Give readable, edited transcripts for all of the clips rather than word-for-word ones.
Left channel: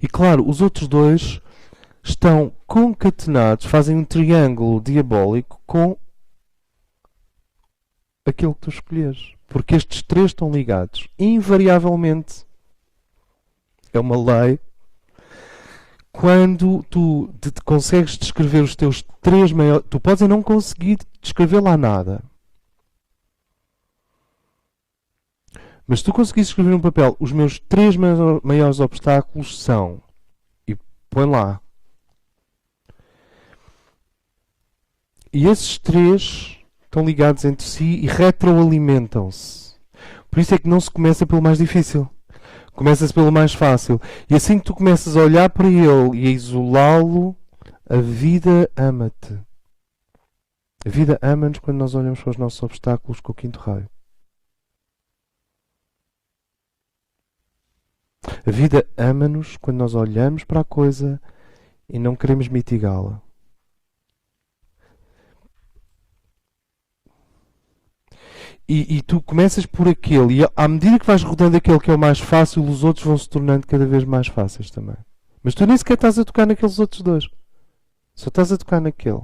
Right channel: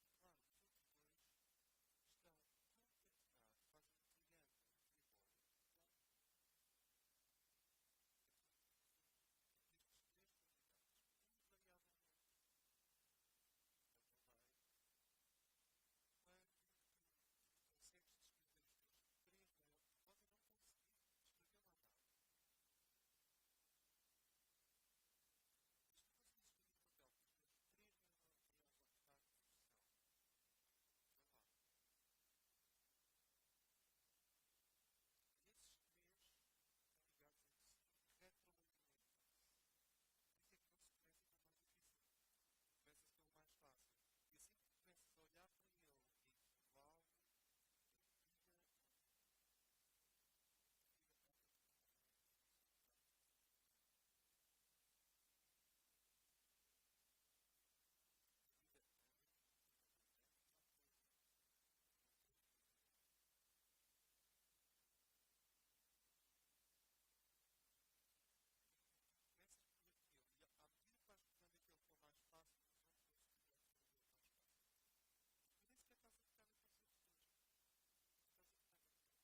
E claro, os outros dois estão concatenados, fazem um triângulo diabólico com aquilo que tu escolheres. Porque estes três estão ligados. Invariavelmente. É uma lei. Quando tu consegues descrever os teus três maiores... Tu podes não conseguir descrever lá nada. Mas se tu conseguires escrever num papel, os meus três maiores obstáculos são... E põe lá. E esses três estão ligados entre si e retroalimentam-se. Por isso é que não se começa pelo mais difícil. Começa-se pelo mais fácil. E assim que tu começas a olhar para ele e a isolá-lo, a vida ama-te. A vida ama-nos quando nós olhamos para os nossos obstáculos com o quinto raio. A vida ama-nos quando nós olhamos para a coisa e não queremos mitigá-la. E tu começas por aquele, e à medida que vais rodando aquele que é o mais fácil, os outros vão se tornando cada vez mais fáceis também. Mas tu nem sequer estás a tocar naqueles outros dois. Só estás a tocar naquele.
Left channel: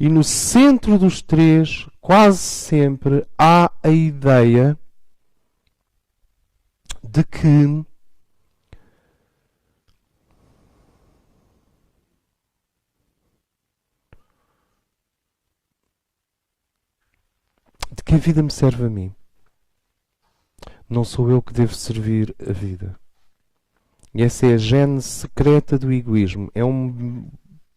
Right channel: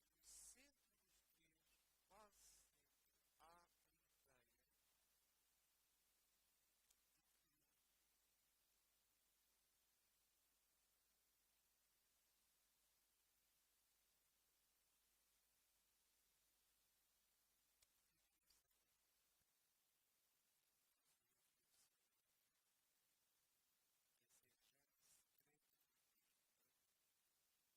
E no centro dos três, quase sempre, há a ideia de que a vida me serve a mim. Não sou eu que devo servir a vida. E essa é a gênese secreta do egoísmo. É um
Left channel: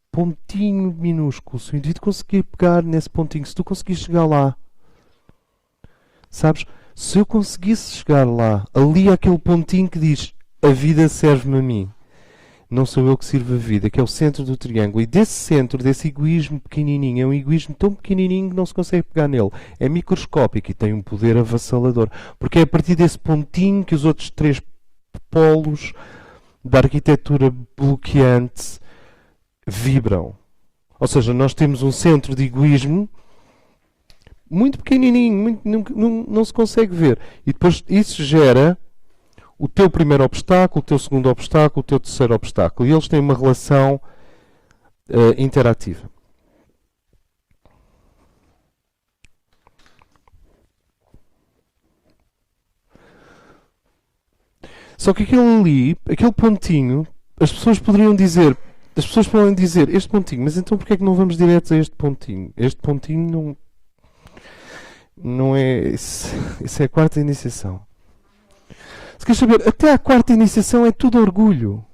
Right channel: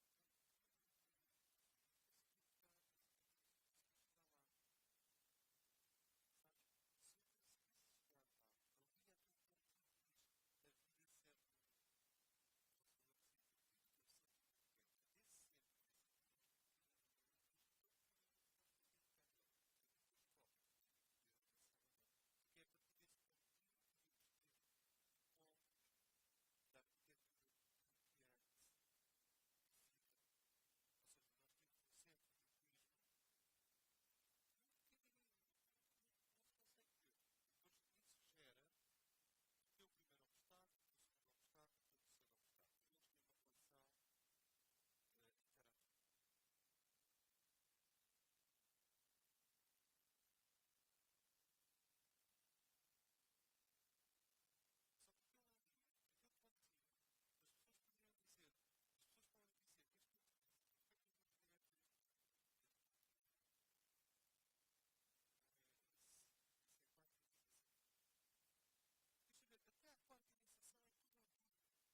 pontinho minúsculo. Se o indivíduo conseguir pegar nesse pontinho, se tu conseguires chegar lá, sabes? Se eu conseguisse chegar lá, ali aquele pontinho que diz a vida serve-me a mim. Não sou eu que sirvo a vida, que é o centro do triângulo. E desse centro, desse egoísmo pequenininho, é um egoísmo tão pequenininho que não se consegue pegar nele. É microscópico e tem um poder avassalador. Porque é a partir desse pontinho que os outros três polos da arquitetura bloqueante vibram. Ou seja, nós temos um centro de egoísmo muito pequenininho, não se consegue ver. E depois isso gera o teu primeiro obstáculo, o teu segundo obstáculo, o teu terceiro obstáculo. E eles têm uma relação interativa. Só que aquele ali, aquele pontinho, as pessoas podem dizer, este pontinho, mas então porquê é que não vamos direto a este pontinho? Este pontinho não é... Isso é a quarta iniciação. Se queres saber, até a quarta iniciação é tudo orgulho.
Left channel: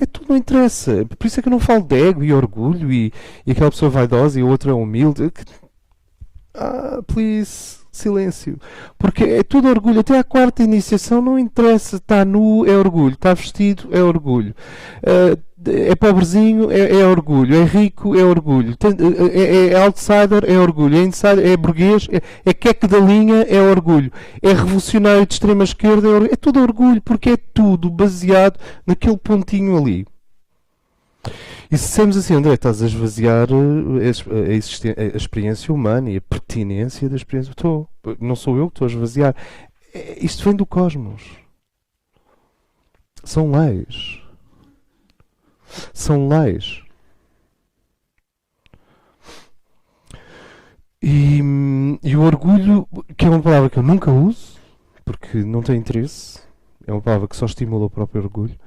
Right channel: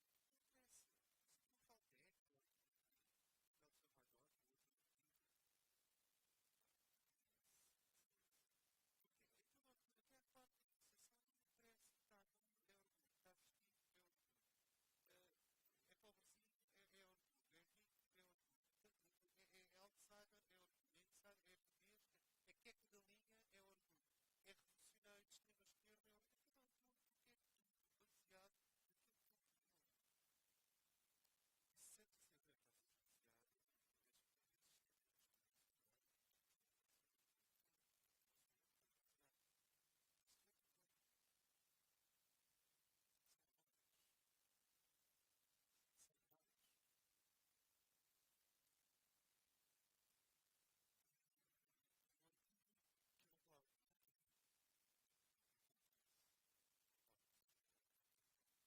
É tudo, não interessa. Por isso é que eu não falo de ego e orgulho e aquela pessoa vaidosa e a outra é humilde. Please, silêncio. Porque é tudo orgulho. Até a quarta iniciação não interessa. Está nu, é orgulho. Está vestido, é orgulho. É pobrezinho, é orgulho. É rico, é orgulho. É outsider, é orgulho. É insider, é burguês, é queque da linha, é orgulho. É revolucionário de extrema esquerda, é orgulho. É tudo orgulho, porque é tudo baseado naquele pontinho ali. E se dissermos assim, André, estás a esvaziar a experiência humana e a pertinência da experiência. Não sou eu que estou a esvaziar. Isto vem do cosmos. São leis. São leis. E o orgulho, que é uma palavra que eu nunca uso, porque não tem interesse, é uma palavra que só estimula o próprio orgulho,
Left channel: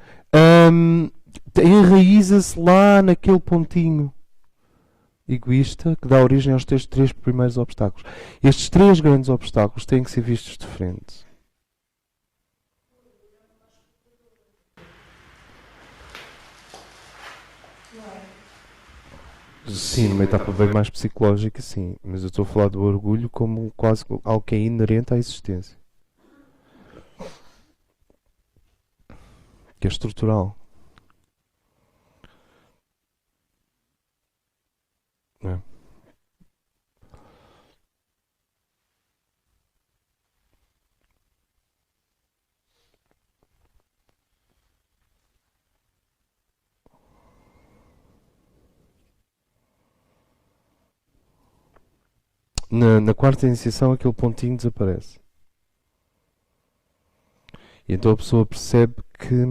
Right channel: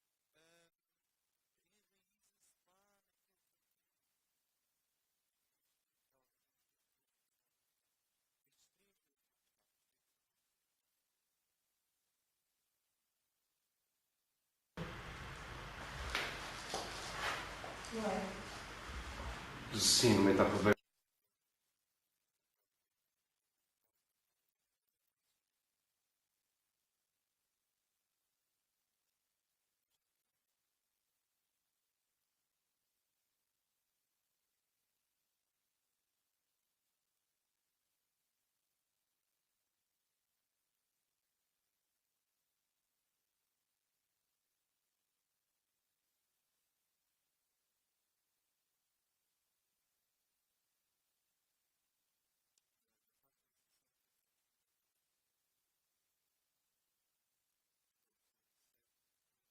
enraiza-se lá naquele pontinho egoísta que dá origem aos teus três primeiros obstáculos. Estes três grandes obstáculos têm que ser vistos de frente. Sim, uma etapa bem mais psicológica, sim. Mas eu estou a falar do orgulho como quase algo que é inerente à existência. Que é estrutural. É. Na quarta iniciação, aquele pontinho desaparece. E então a pessoa percebe que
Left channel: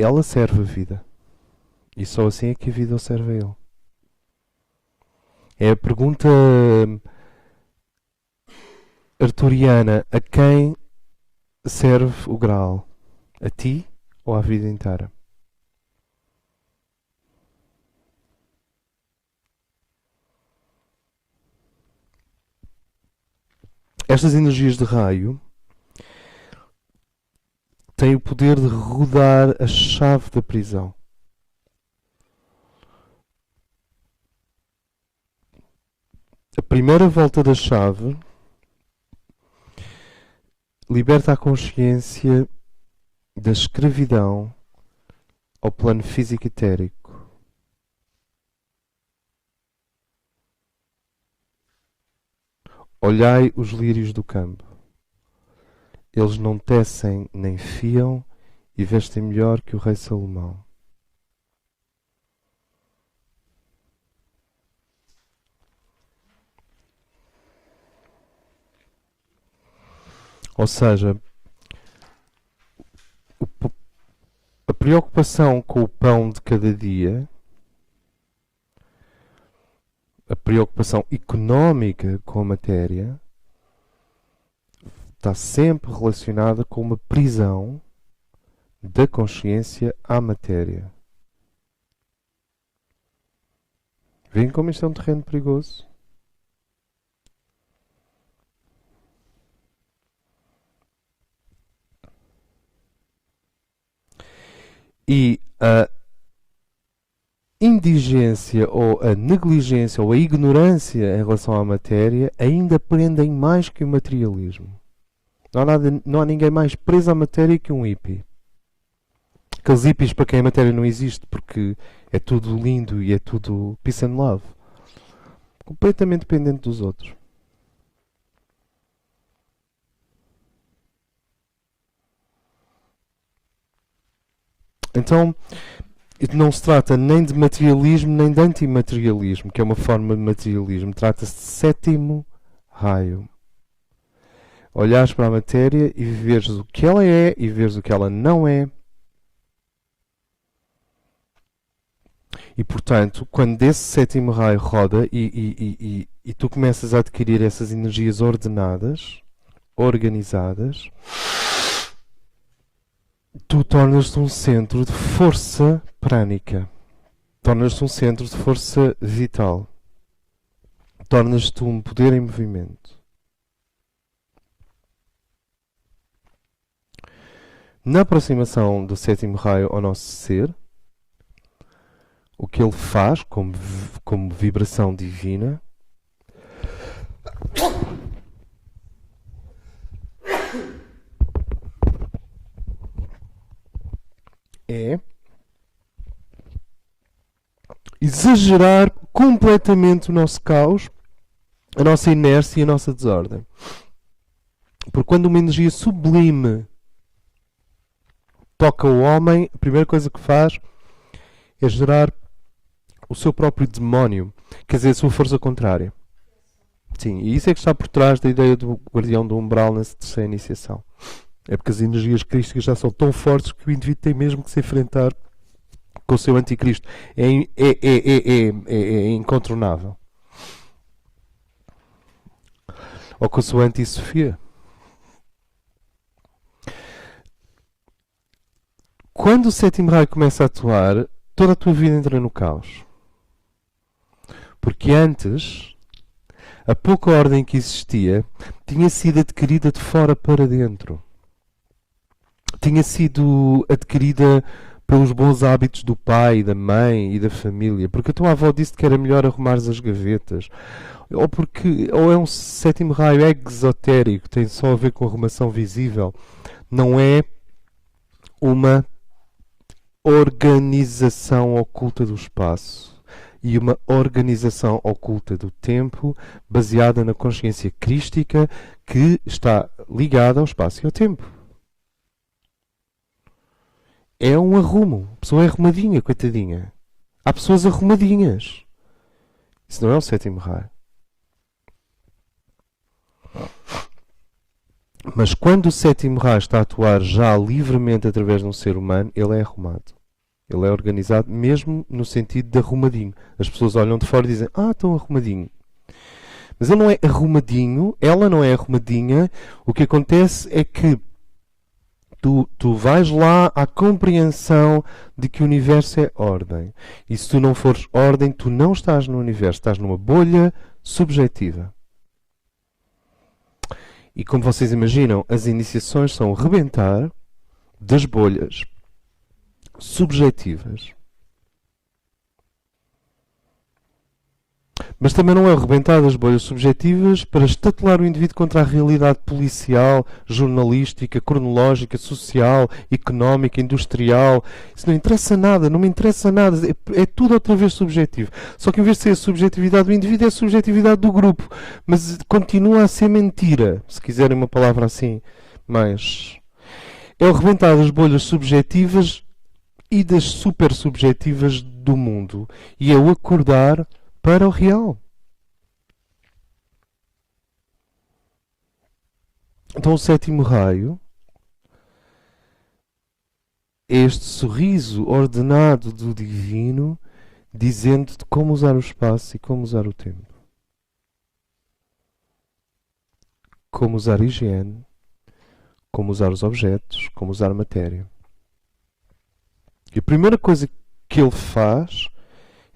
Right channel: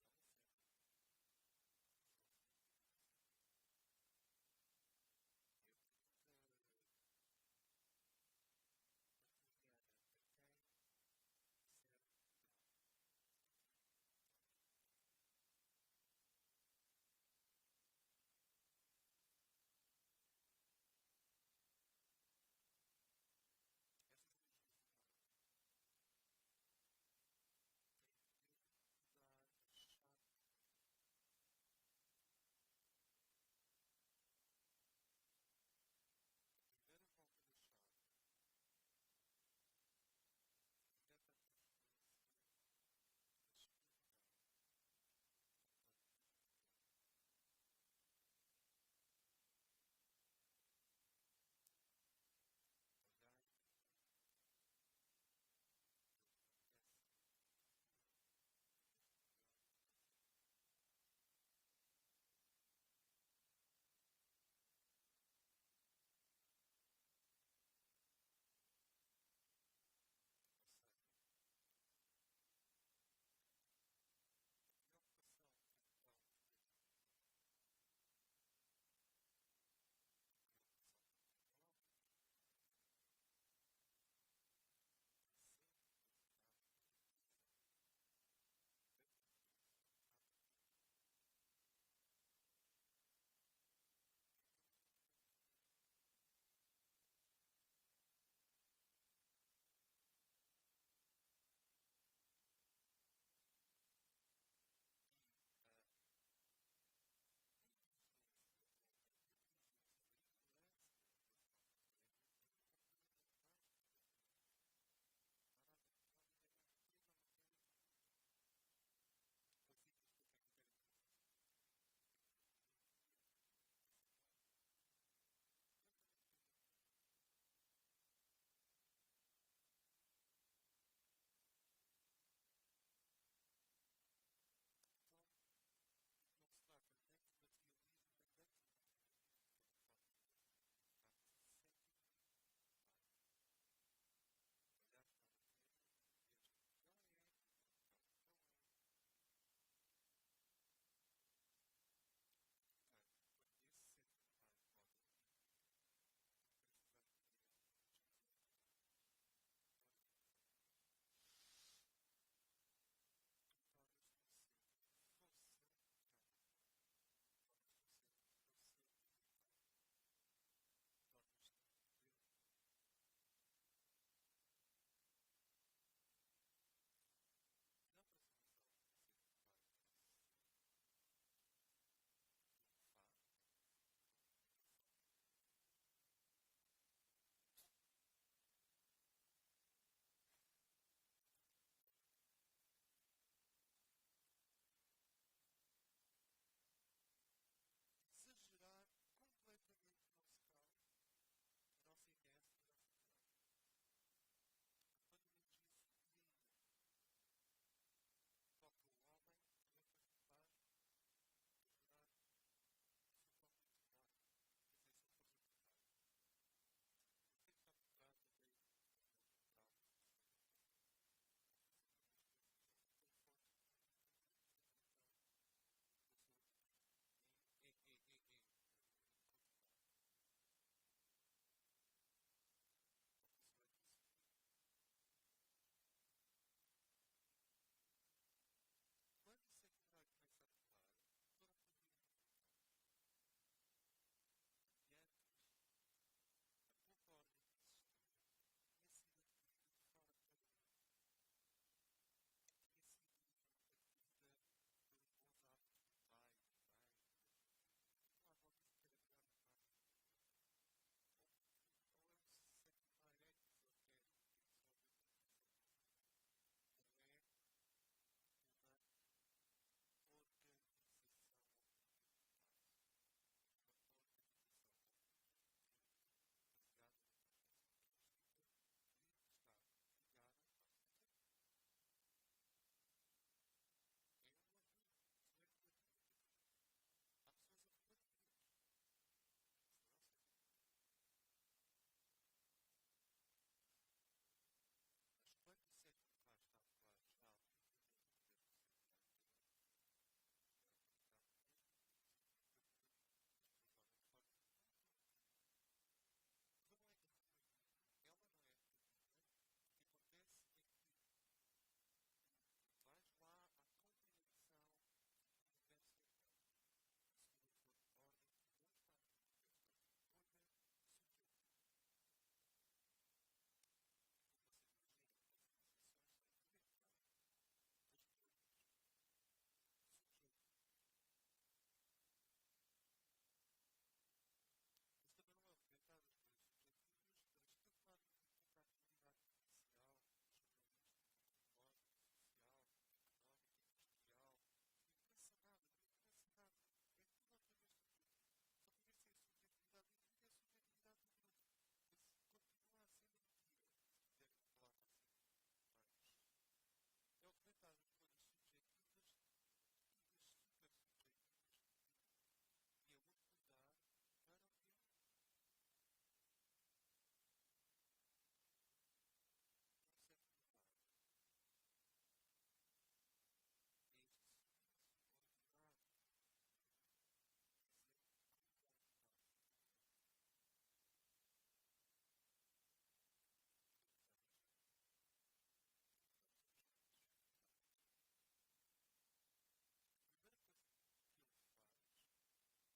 ela serve a vida. E só assim é que a vida o serve a ele. É a pergunta arturiana: a quem serve o Graal? A ti ou à vida inteira? Estas energias de raio têm o poder de rodar a chave da prisão. A primeira volta da chave liberta a consciência da escravidão ao plano físico e etérico. Olhai os lírios do campo. Eles não tecem nem fiam e vestem melhor que o rei Salomão. Ou seja, a preocupação com o pão de cada dia, a preocupação económica com a matéria, está sempre relacionada com uma prisão da consciência à matéria. Veem como isto é um terreno perigoso? E a indigência ou a negligência ou a ignorância em relação à matéria ainda prendem mais que o materialismo. Não há ninguém mais preso à matéria que um hippie. Aqueles hippies para quem a matéria não existe porque é tudo lindo e é tudo peace and love. Completamente dependente dos outros. Então, não se trata nem de materialismo nem de antimaterialismo, que é uma forma de materialismo. Trata-se de sétimo raio. Olhares para a matéria e veres o que ela é e veres o que ela não é. E, portanto, quando esse sétimo raio roda e tu começas a adquirir essas energias ordenadas, organizadas, tu tornas-te um centro de força prânica. Tornas-te um centro de força vital. Tornas-te um poder em movimento. Na aproximação do sétimo raio ao nosso ser, o que ele faz como vibração divina é exagerar completamente o nosso caos, a nossa inércia e a nossa desordem. Porque quando uma energia sublime toca o homem, a primeira coisa que faz é gerar o seu próprio demónio, quer dizer, a sua força contrária. Sim, e isso é que está por trás da ideia do guardião do umbral nessa terceira iniciação. É porque as energias crísticas já são tão fortes que o indivíduo tem mesmo que se enfrentar com o seu anticristo. É incontornável. Ou com a sua anti-Sofia. Quando o sétimo raio começa a atuar, toda a tua vida entra no caos. Porque antes, a pouca ordem que existia tinha sido adquirida de fora para dentro. Tinha sido adquirida pelos bons hábitos do pai, da mãe e da família. Porque a tua avó disse que era melhor arrumares as gavetas. Ou é um sétimo raio exotérico, tem só a ver com arrumação visível. Não é uma organização oculta do espaço e uma organização oculta do tempo baseada na consciência crística que está ligada ao espaço e ao tempo. É um arrumo. A pessoa é arrumadinha, coitadinha. Há pessoas arrumadinhas. Isso não é o sétimo raio. Mas quando o sétimo raio está a atuar já livremente através de um ser humano, ele é arrumado. Ele é organizado mesmo no sentido de arrumadinho. As pessoas olham de fora e dizem, estão arrumadinho. Mas ele não é arrumadinho, ela não é arrumadinha. O que acontece é que tu vais lá à compreensão de que o universo é ordem. E se tu não fores ordem, tu não estás no universo, estás numa bolha subjetiva. E como vocês imaginam, as iniciações são o rebentar das bolhas subjetivas. Mas também não é o rebentar das bolhas subjetivas para estatelar o indivíduo contra a realidade policial, jornalística, cronológica, social, económica, industrial. Isso não interessa nada, não me interessa nada. É tudo outra vez subjetivo. Só que em vez de ser a subjetividade do indivíduo, é a subjetividade do grupo. Mas continua a ser mentira, se quiserem uma palavra assim. Mas é o rebentar das bolhas subjetivas e das super subjetivas do mundo. E é o acordar para o real. Então o sétimo raio é este sorriso ordenado do divino, dizendo-te como usar o espaço e como usar o tempo. Como usar a higiene, como usar os objetos, como usar a matéria. E a primeira coisa que ele faz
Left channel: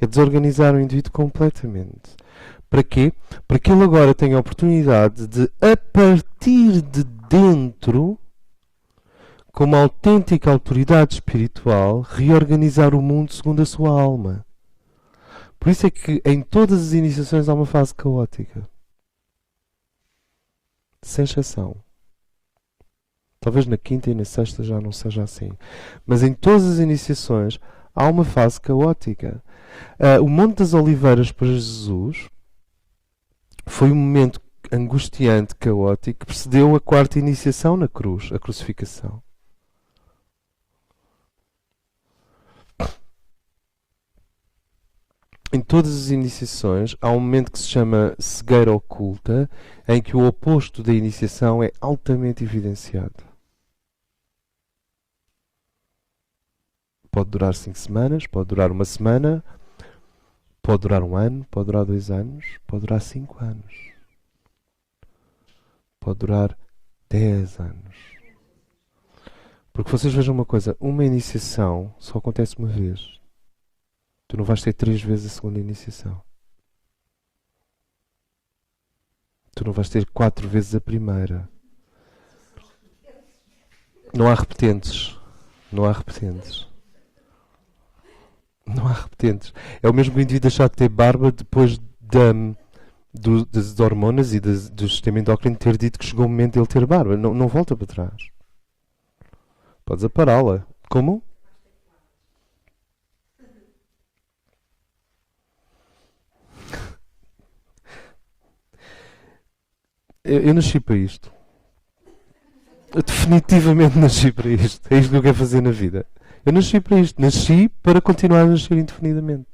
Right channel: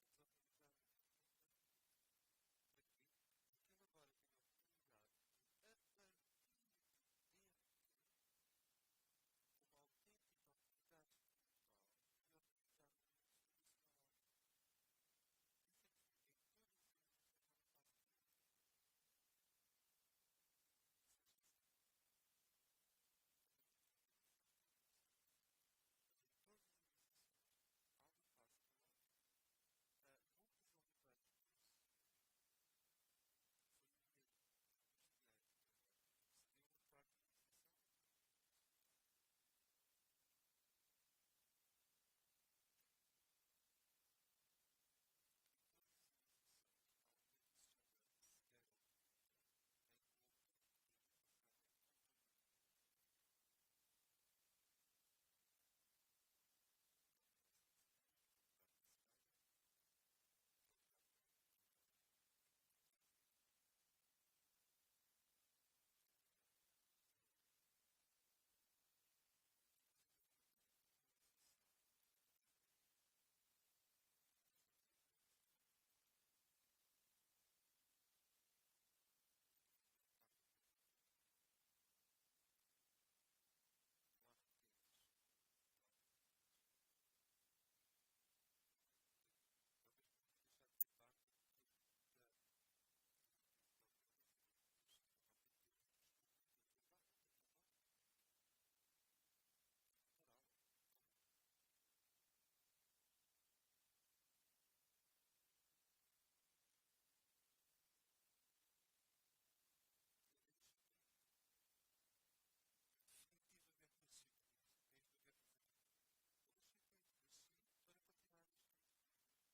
é desorganizar o indivíduo completamente. Para quê? Para que ele agora tenha a oportunidade de, a partir de dentro, como autêntica autoridade espiritual, reorganizar o mundo segundo a sua alma. Por isso é que em todas as iniciações há uma fase caótica. Sem exceção. Talvez na quinta e na sexta já não seja assim. Mas em todas as iniciações há uma fase caótica. O Monte das Oliveiras para Jesus foi um momento angustiante, caótico, que precedeu a quarta iniciação na cruz, a crucificação. Em todas as iniciações há um momento que se chama cegueira oculta, em que o oposto da iniciação é altamente evidenciado. Pode durar 5 semanas, pode durar uma semana, pode durar 1 ano, pode durar 2 anos, pode durar 5 anos. Pode durar 10 anos. Porque vocês vejam uma coisa, uma iniciação só acontece uma vez. Tu não vais ter 3 vezes a segunda iniciação. Tu não vais ter 4 vezes a primeira. Não há repetentes. Não há repetentes. Não há repetentes. É o mesmo indivíduo deixar de ter barba depois das hormonas e do sistema endócrino ter dito que chegou o momento de ele ter barba. Não volta para trás. Podes apará-la. Como? Eu nasci para isto. Eu definitivamente nasci para isto. É isto que eu quero fazer na vida. Eu nasci para isto. Nasci para continuar a nascer indefinidamente.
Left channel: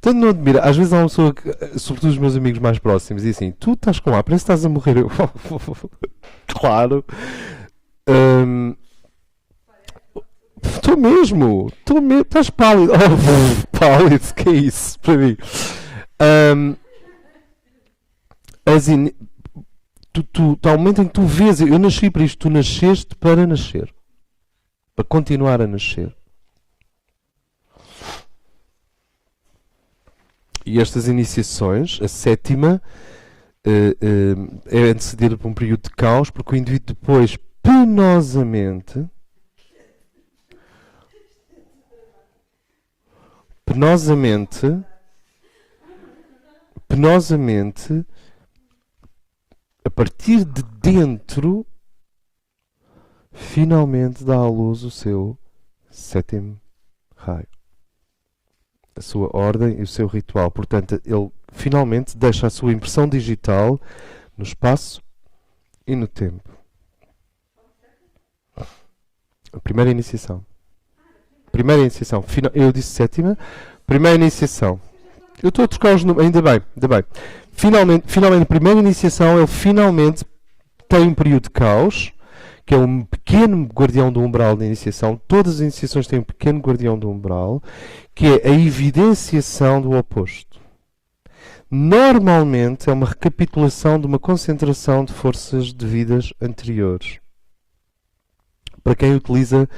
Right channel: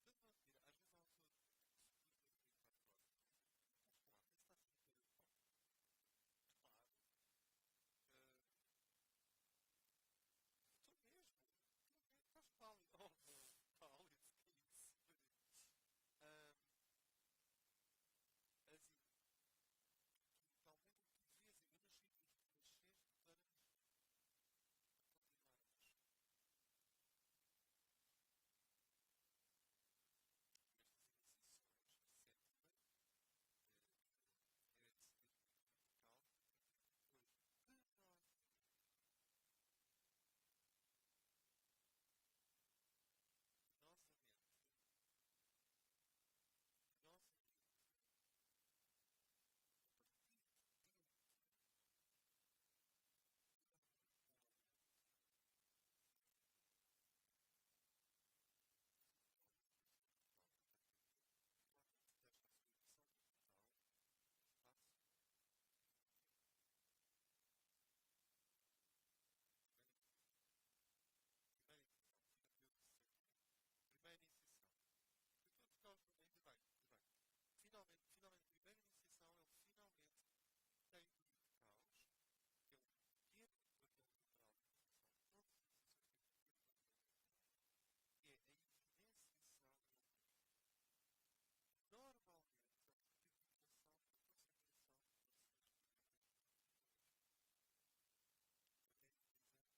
Tanto não admira. Às vezes há uma pessoa, sobretudo os meus amigos mais próximos, e assim, tu estás com ar, parece que estás a morrer. Eu, claro. Estou mesmo. Estás pálido. Oh, pálido, que é isso para mim? Há um momento em que tu vês, eu nasci para isto, tu nasceste para nascer. Para continuar a nascer. E estas iniciações, a sétima, é antecedida por um período de caos, porque o indivíduo depois, penosamente, a partir de dentro, finalmente dá à luz o seu sétimo raio. A sua ordem e o seu ritual. Portanto, ele finalmente deixa a sua impressão digital no espaço e no tempo. A primeira iniciação. Eu disse sétima. Primeira iniciação. Eu estou a trocar os números. Ainda bem. Finalmente, a primeira iniciação, ele finalmente tem um período de caos, que é um pequeno guardião do umbral da iniciação. Todas as iniciações têm um pequeno guardião do umbral, que é a evidenciação do oposto. Normalmente é uma recapitulação de uma concentração de forças de vidas anteriores. Para quem utiliza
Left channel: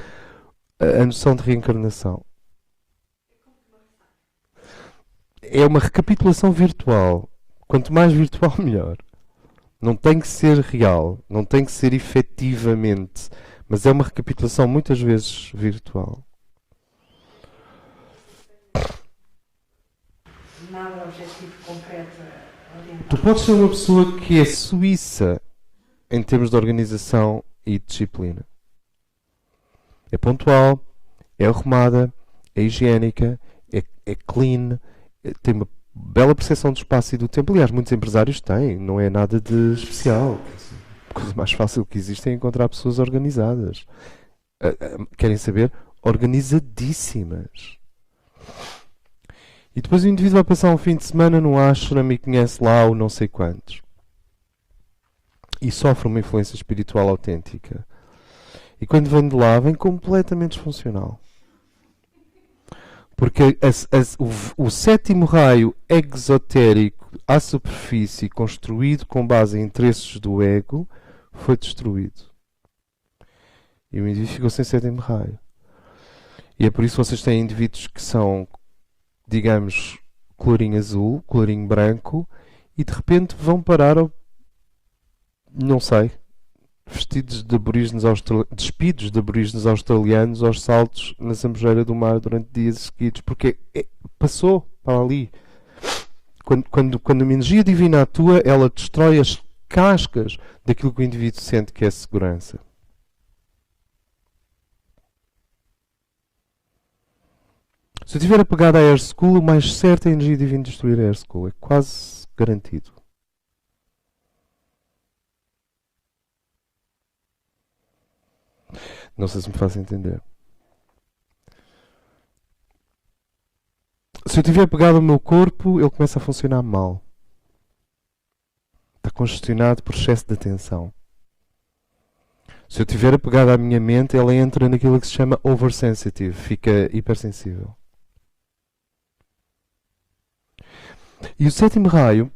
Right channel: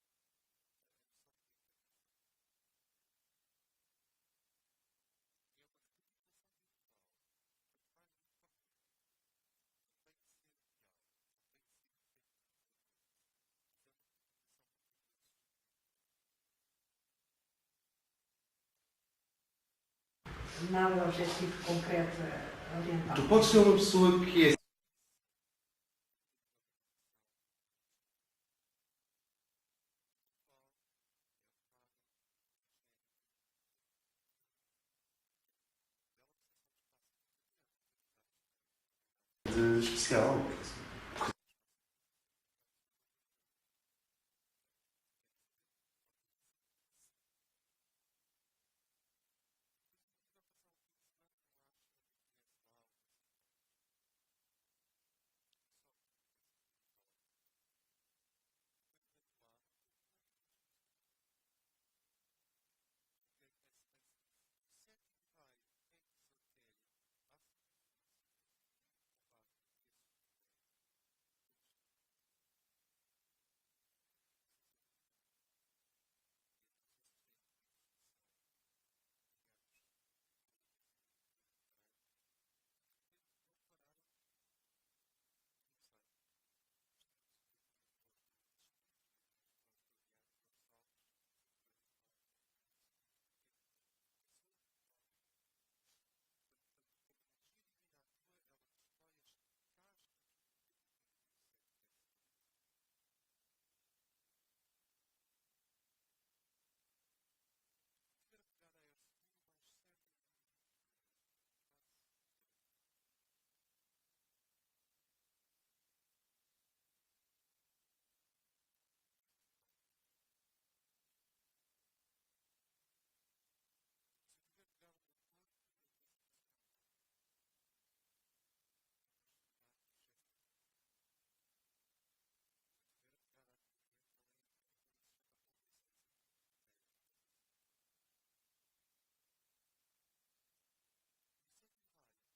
a noção de reencarnação. É uma recapitulação virtual. Quanto mais virtual, melhor. Não tem que ser real, não tem que ser efetivamente, mas é uma recapitulação muitas vezes virtual. Nada objetivo concreto orientado. Tu podes ser uma pessoa que é suíça em termos de organização e disciplina. É pontual, é arrumada, é higiênica, é clean, tem uma bela percepção do espaço e do tempo. Aliás, muitos empresários têm, não é nada de especial. A coisa mais fácil que existe é encontrar pessoas organizadas. Querem saber? Organizadíssimas. E depois o indivíduo vai passar um fim de semana no ashram e conhece lá o não sei quantos. E sofre uma influência espiritual autêntica. E quando vem de lá, vem completamente disfuncional. Porque o sétimo raio exotérico à superfície, construído com base em interesses do ego, foi destruído. E o indivíduo ficou sem sétimo raio. E é por isso que vocês têm indivíduos que são, digamos, colorinho azul, colorinho branco, e de repente vão parar ao, não sei, vestidos de aborígenes despidos de aborígenes australianos aos saltos na zambujeira do mar durante dias seguidos, porque passou para ali. Quando a energia divina atua, ela destrói as cascas daquilo que o indivíduo sente que é segurança. Se eu estiver apegado à Air School, o mais certo é a energia divina destruir a Air School. É quase garantido. Não sei se me faço entender. Se eu estiver pegado ao meu corpo, ele começa a funcionar mal. Está congestionado por excesso de atenção. Se eu estiver apegado à minha mente, ela entra naquilo que se chama oversensitive, fica hipersensível. E o sétimo raio,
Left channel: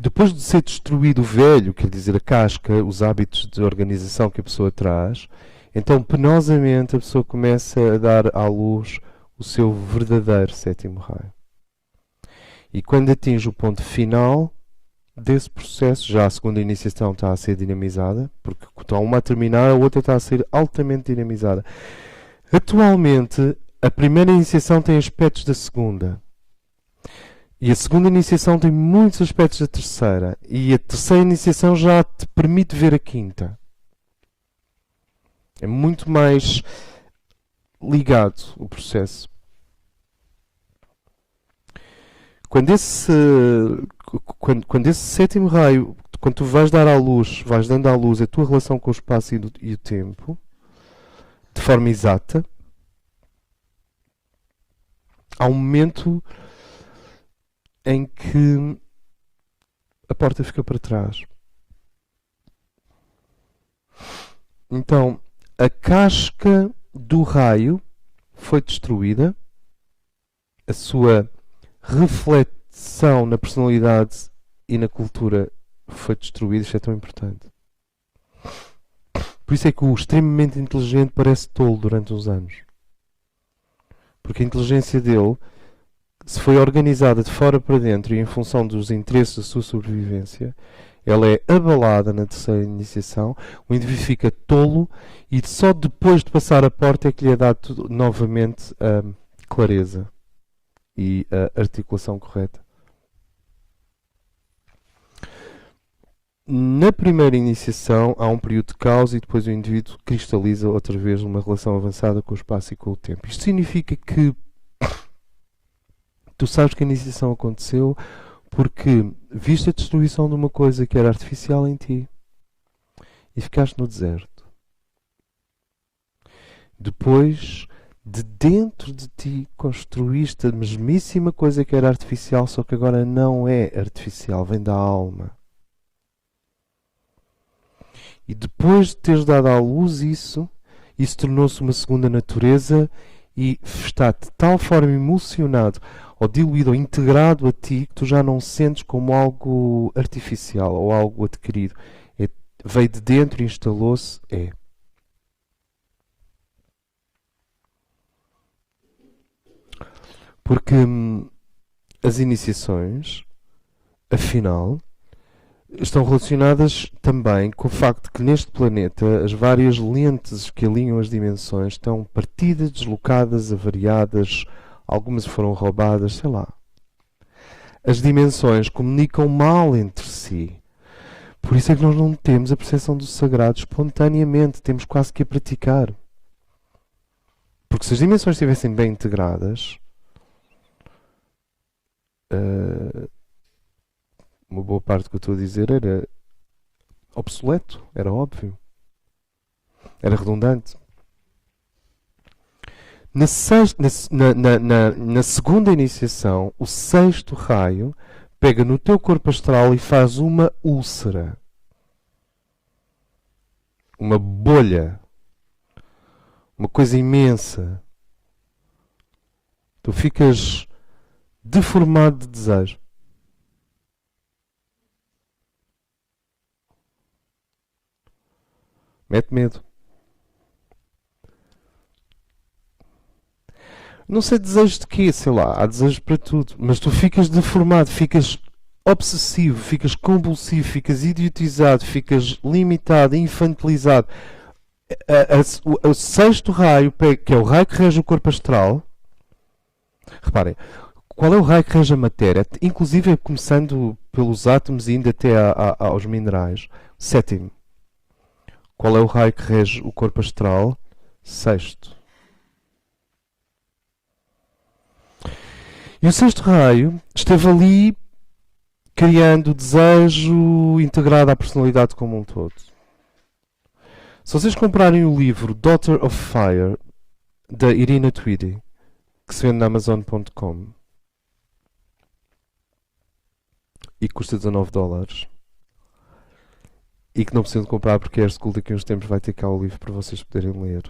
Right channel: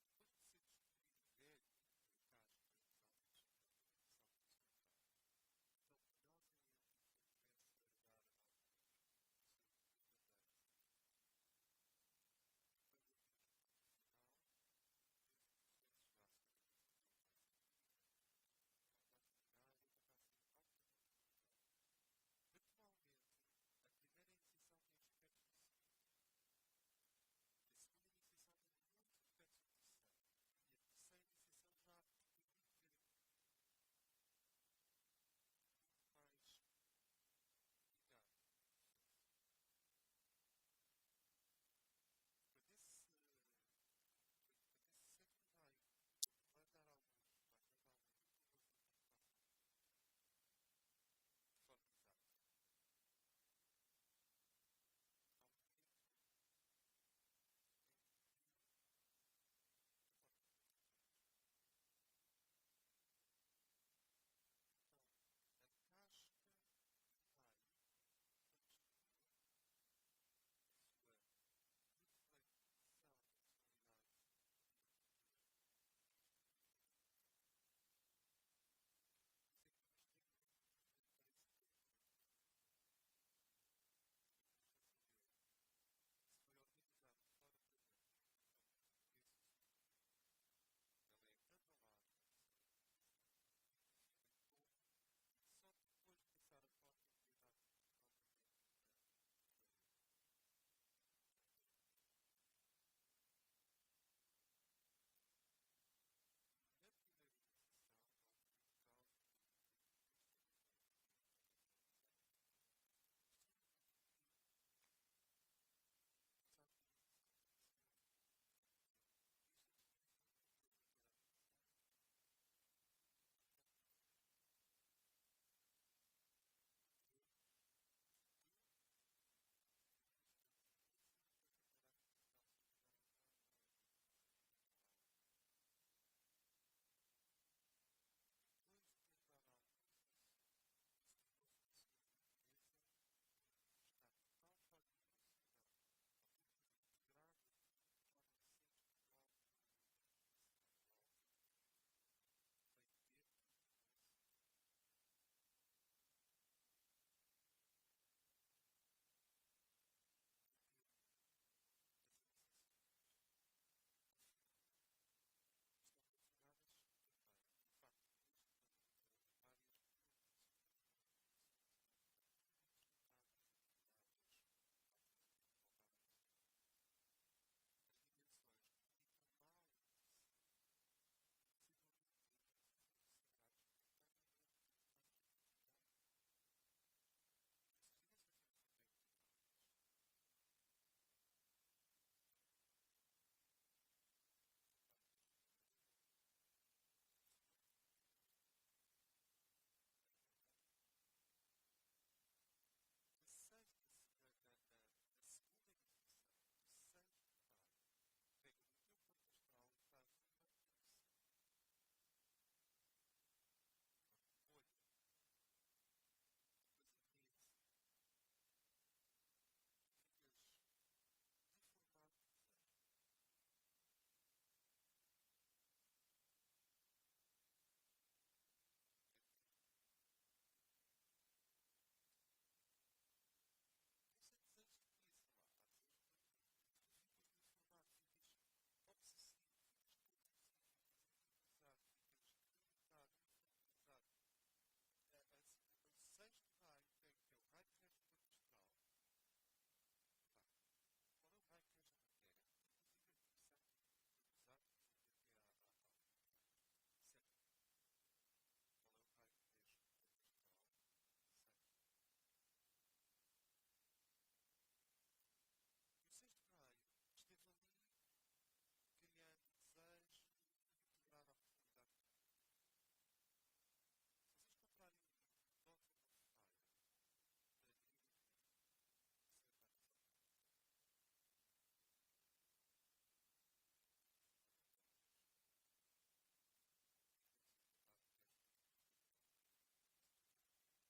depois de ser destruído o velho, quer dizer, a casca, os hábitos de organização que a pessoa traz, então penosamente a pessoa começa a dar à luz o seu verdadeiro sétimo raio. E quando atinge o ponto final desse processo, já a segunda iniciação está a ser dinamizada, porque está uma a terminar, a outra está a ser altamente dinamizada. Atualmente, a primeira iniciação tem aspectos da segunda. E a segunda iniciação tem muitos aspectos da terceira. E a terceira iniciação já te permite ver a quinta. É muito mais ligado o processo. Quando esse sétimo raio, quando tu vais dar à luz, vais dando à luz a tua relação com o espaço e o tempo, de forma exata, há um momento em que a porta fica para trás. Então, a casca do raio foi destruída, a sua reflexão na personalidade e na cultura foi destruída. Isto é tão importante. Por isso é que o extremamente inteligente parece tolo durante uns anos. Porque a inteligência dele, se foi organizada de fora para dentro e em função dos interesses da sua sobrevivência, ela é abalada na terceira iniciação, o indivíduo fica tolo e só depois de passar a porta é que lhe é dado novamente a clareza e a articulação correta. Na primeira iniciação há um período de caos e depois o indivíduo cristaliza outra vez uma relação avançada com o espaço e com o tempo. Isto significa que tu sabes que a iniciação aconteceu porque viste a destruição de uma coisa que era artificial em ti e ficaste no deserto. Depois, de dentro de ti, construíste a mesmíssima coisa que era artificial, só que agora não é artificial, vem da alma. E depois de teres dado à luz isso tornou-se uma segunda natureza e está de tal forma emocionado ou diluído ou integrado a ti que tu já não sentes como algo artificial ou algo adquirido. Veio de dentro e instalou-se. Porque as iniciações, afinal, estão relacionadas também com o facto que neste planeta as várias lentes que alinham as dimensões estão partidas, deslocadas, avariadas, algumas foram roubadas, sei lá. As dimensões comunicam mal entre si. Por isso é que nós não temos a percepção do sagrado espontaneamente, temos quase que a praticar. Porque se as dimensões estivessem bem integradas, uma boa parte do que eu estou a dizer era obsoleto, era óbvio, era redundante. Na segunda iniciação, o sexto raio pega no teu corpo astral e faz uma úlcera, uma bolha, uma coisa imensa. Tu ficas deformado de desejo. Mete medo. Não sei desejos de quê, sei lá, há desejos para tudo, mas tu ficas deformado, ficas obsessivo, ficas compulsivo, ficas idiotizado, ficas limitado, infantilizado. O sexto raio, que é o raio que rege o corpo astral, reparem, qual é o raio que rege a matéria? Inclusive começando pelos átomos e indo até aos minerais. Sétimo. Qual é o raio que rege o corpo astral? Sexto. E o sexto raio esteve ali criando desejo integrado à personalidade como um todo. Se vocês comprarem o livro Daughter of Fire, da Irina Tweedy, que se vende na Amazon.com e custa $19, e que não precisam de comprar porque a AirSchool daqui a uns tempos vai ter cá o livro para vocês poderem ler.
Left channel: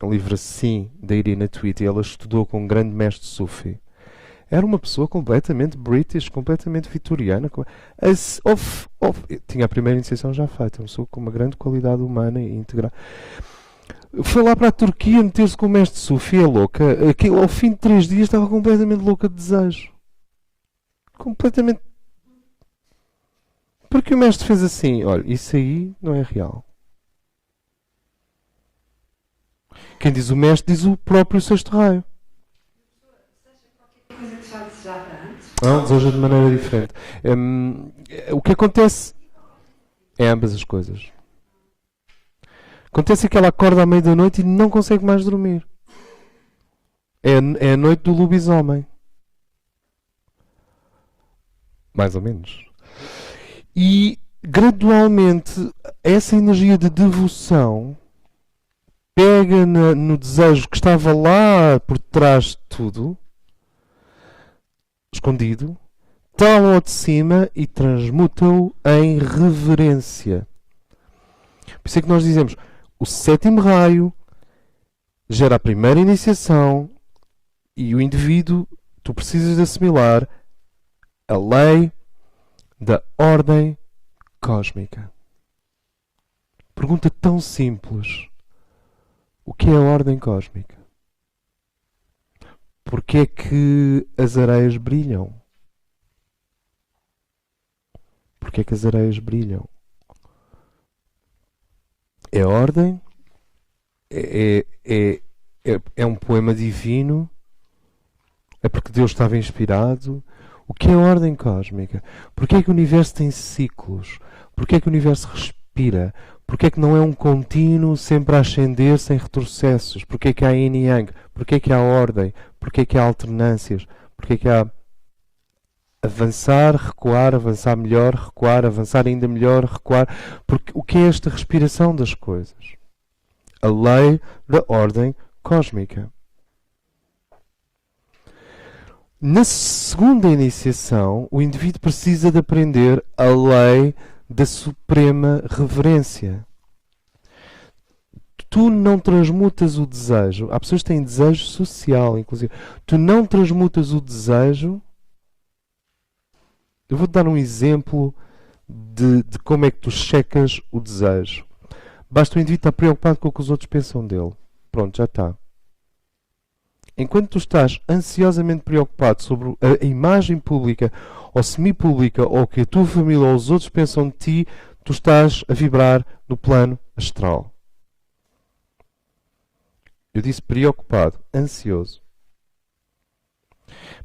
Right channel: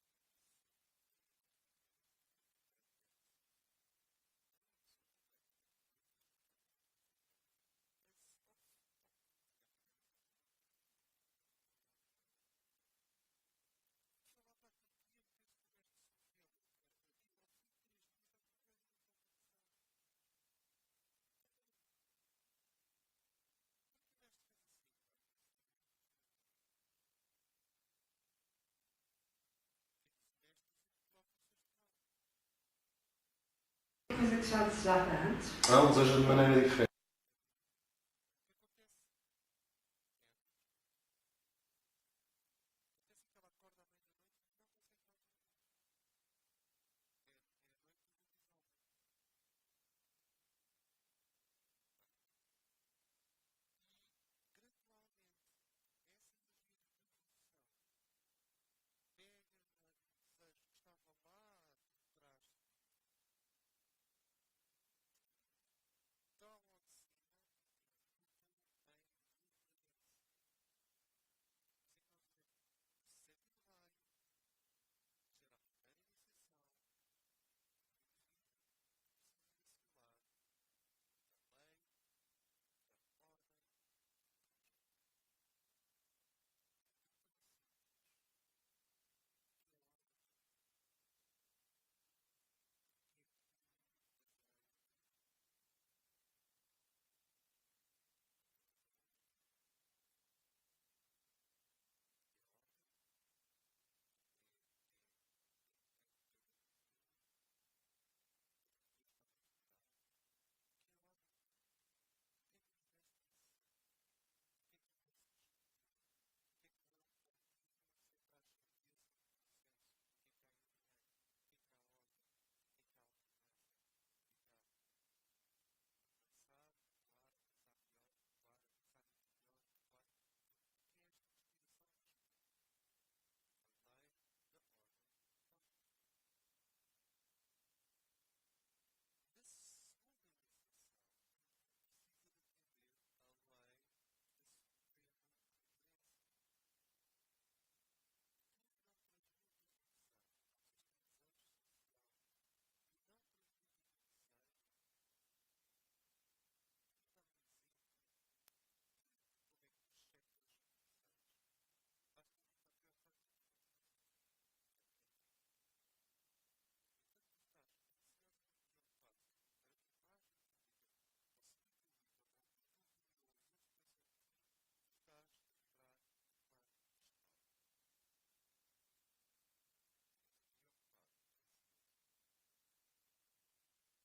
É um livro assim, da Irina Tweedy. Ela estudou com um grande mestre Sufi. Era uma pessoa completamente British, completamente vitoriana. Tinha a primeira iniciação já feita. Uma pessoa com uma grande qualidade humana e integral. Foi lá para a Turquia meter-se com o mestre Sufi, é louca. Ao fim de 3 dias estava completamente louca de desejo. Completamente. Porque o mestre fez assim: olha, isso aí não é real. Quem diz o mestre diz o próprio sexto raio. Coisa que já desejava antes. Deseja de maneira diferente. O que acontece é ambas as coisas. Acontece que ela acorda à meia da noite e não consegue mais dormir. É a noite do lobisomem. Mais ou menos. E gradualmente essa energia de devoção pega no desejo que estava lá por trás de tudo, escondido, tala-o de cima e transmuta-o em reverência. Por isso é que nós dizemos: o sétimo raio gera a primeira iniciação e o indivíduo, tu precisas de assimilar a lei da ordem cósmica. Pergunta tão simples: o que é a ordem cósmica? Porquê é que as areias brilham? Porquê é que as areias brilham? É ordem? É um poema divino? É porque Deus estava inspirado? O que é a ordem cósmica? Porquê é que o universo tem ciclos? Porquê é que o universo respira? Porquê é que não é um contínuo sempre a ascender sem retrocessos? Porquê é que há yin e yang? Porquê é que há ordem? Porquê é que há alternâncias? Porquê é que há avançar, recuar, avançar melhor, recuar, avançar ainda melhor, recuar? Porque o que é esta respiração das coisas? A lei da ordem cósmica. Na segunda iniciação, o indivíduo precisa de aprender a lei da suprema reverência. tu não transmutas o desejo, há pessoas que têm desejo social, inclusive, tu não transmutas o desejo. Eu vou-te dar um exemplo de como é que tu checas o desejo. Basta o indivíduo estar preocupado com o que os outros pensam dele. Pronto, já está. Enquanto tu estás ansiosamente preocupado sobre a imagem pública ou semi-pública ou o que a tua família ou os outros pensam de ti, tu estás a vibrar no plano astral. Eu disse preocupado, ansioso.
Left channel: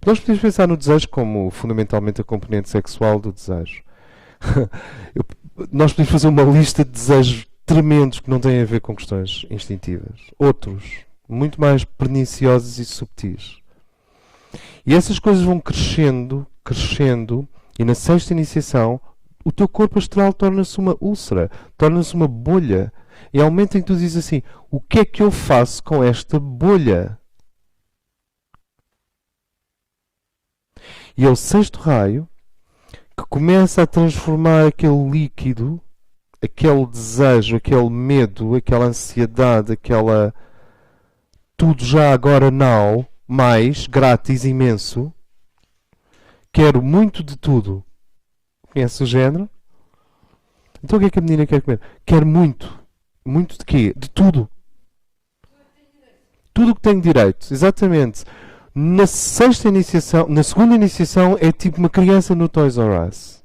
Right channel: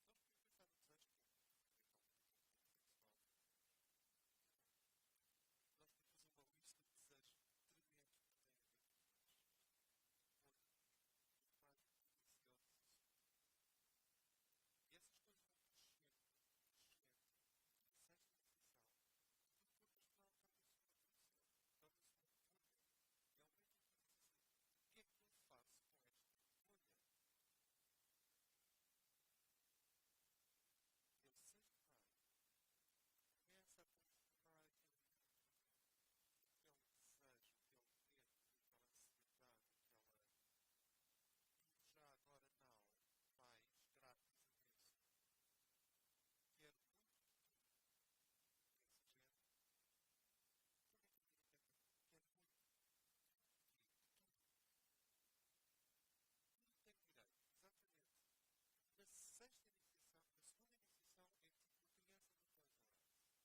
Nós podemos pensar no desejo como fundamentalmente a componente sexual do desejo. Nós podemos fazer uma lista de desejos tremendos que não têm a ver com questões instintivas. Outros, muito mais perniciosos e subtis. E essas coisas vão crescendo, crescendo, e na sexta iniciação o teu corpo astral torna-se uma úlcera, torna-se uma bolha. E há um momento em que tu dizes assim, o que é que eu faço com esta bolha? E é o sexto raio que começa a transformar aquele líquido, aquele desejo, aquele medo, aquela ansiedade, aquela tudo já agora now, mais, grátis, imenso. Quero muito de tudo. Conhece o género? Então o que é que a menina quer comer? Quer muito. Muito de quê? De tudo. Tudo o que tenho direito. Exatamente. Na sexta iniciação, na segunda iniciação é tipo uma criança no Toys R Us.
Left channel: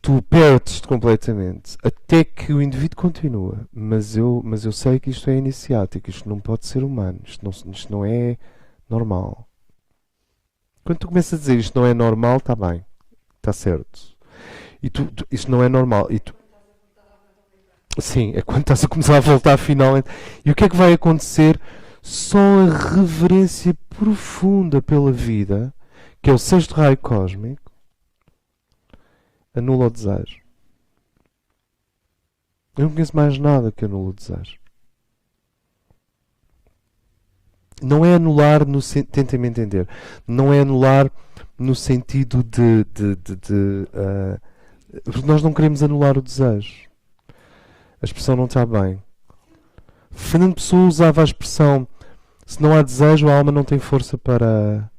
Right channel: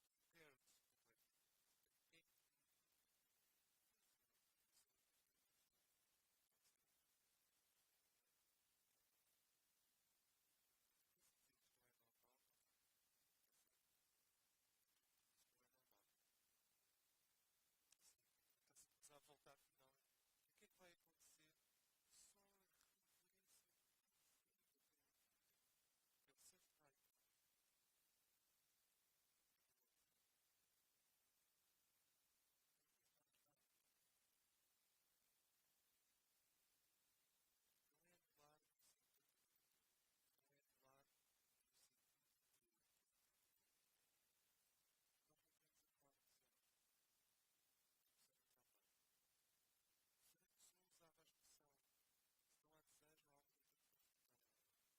Tu perdes-te completamente. Até que o indivíduo continua. Mas eu sei que isto é iniciático. Isto não pode ser humano. Isto não é normal. Quando tu começas a dizer isto não é normal, está bem. Está certo. E isto não é normal. E tu, sim, é quando estás a começar a voltar finalmente. E o que é que vai acontecer? Só a reverência profunda pela vida, que é o sexto raio cósmico, anula o desejo. Eu não conheço mais nada que anula o desejo. Não é anular no tentem-me entender. Não é anular no sentido porque nós não queremos anular o desejo. A expressão não está bem. Fernando Pessoa usava a expressão: se não há desejo, a alma não tem força para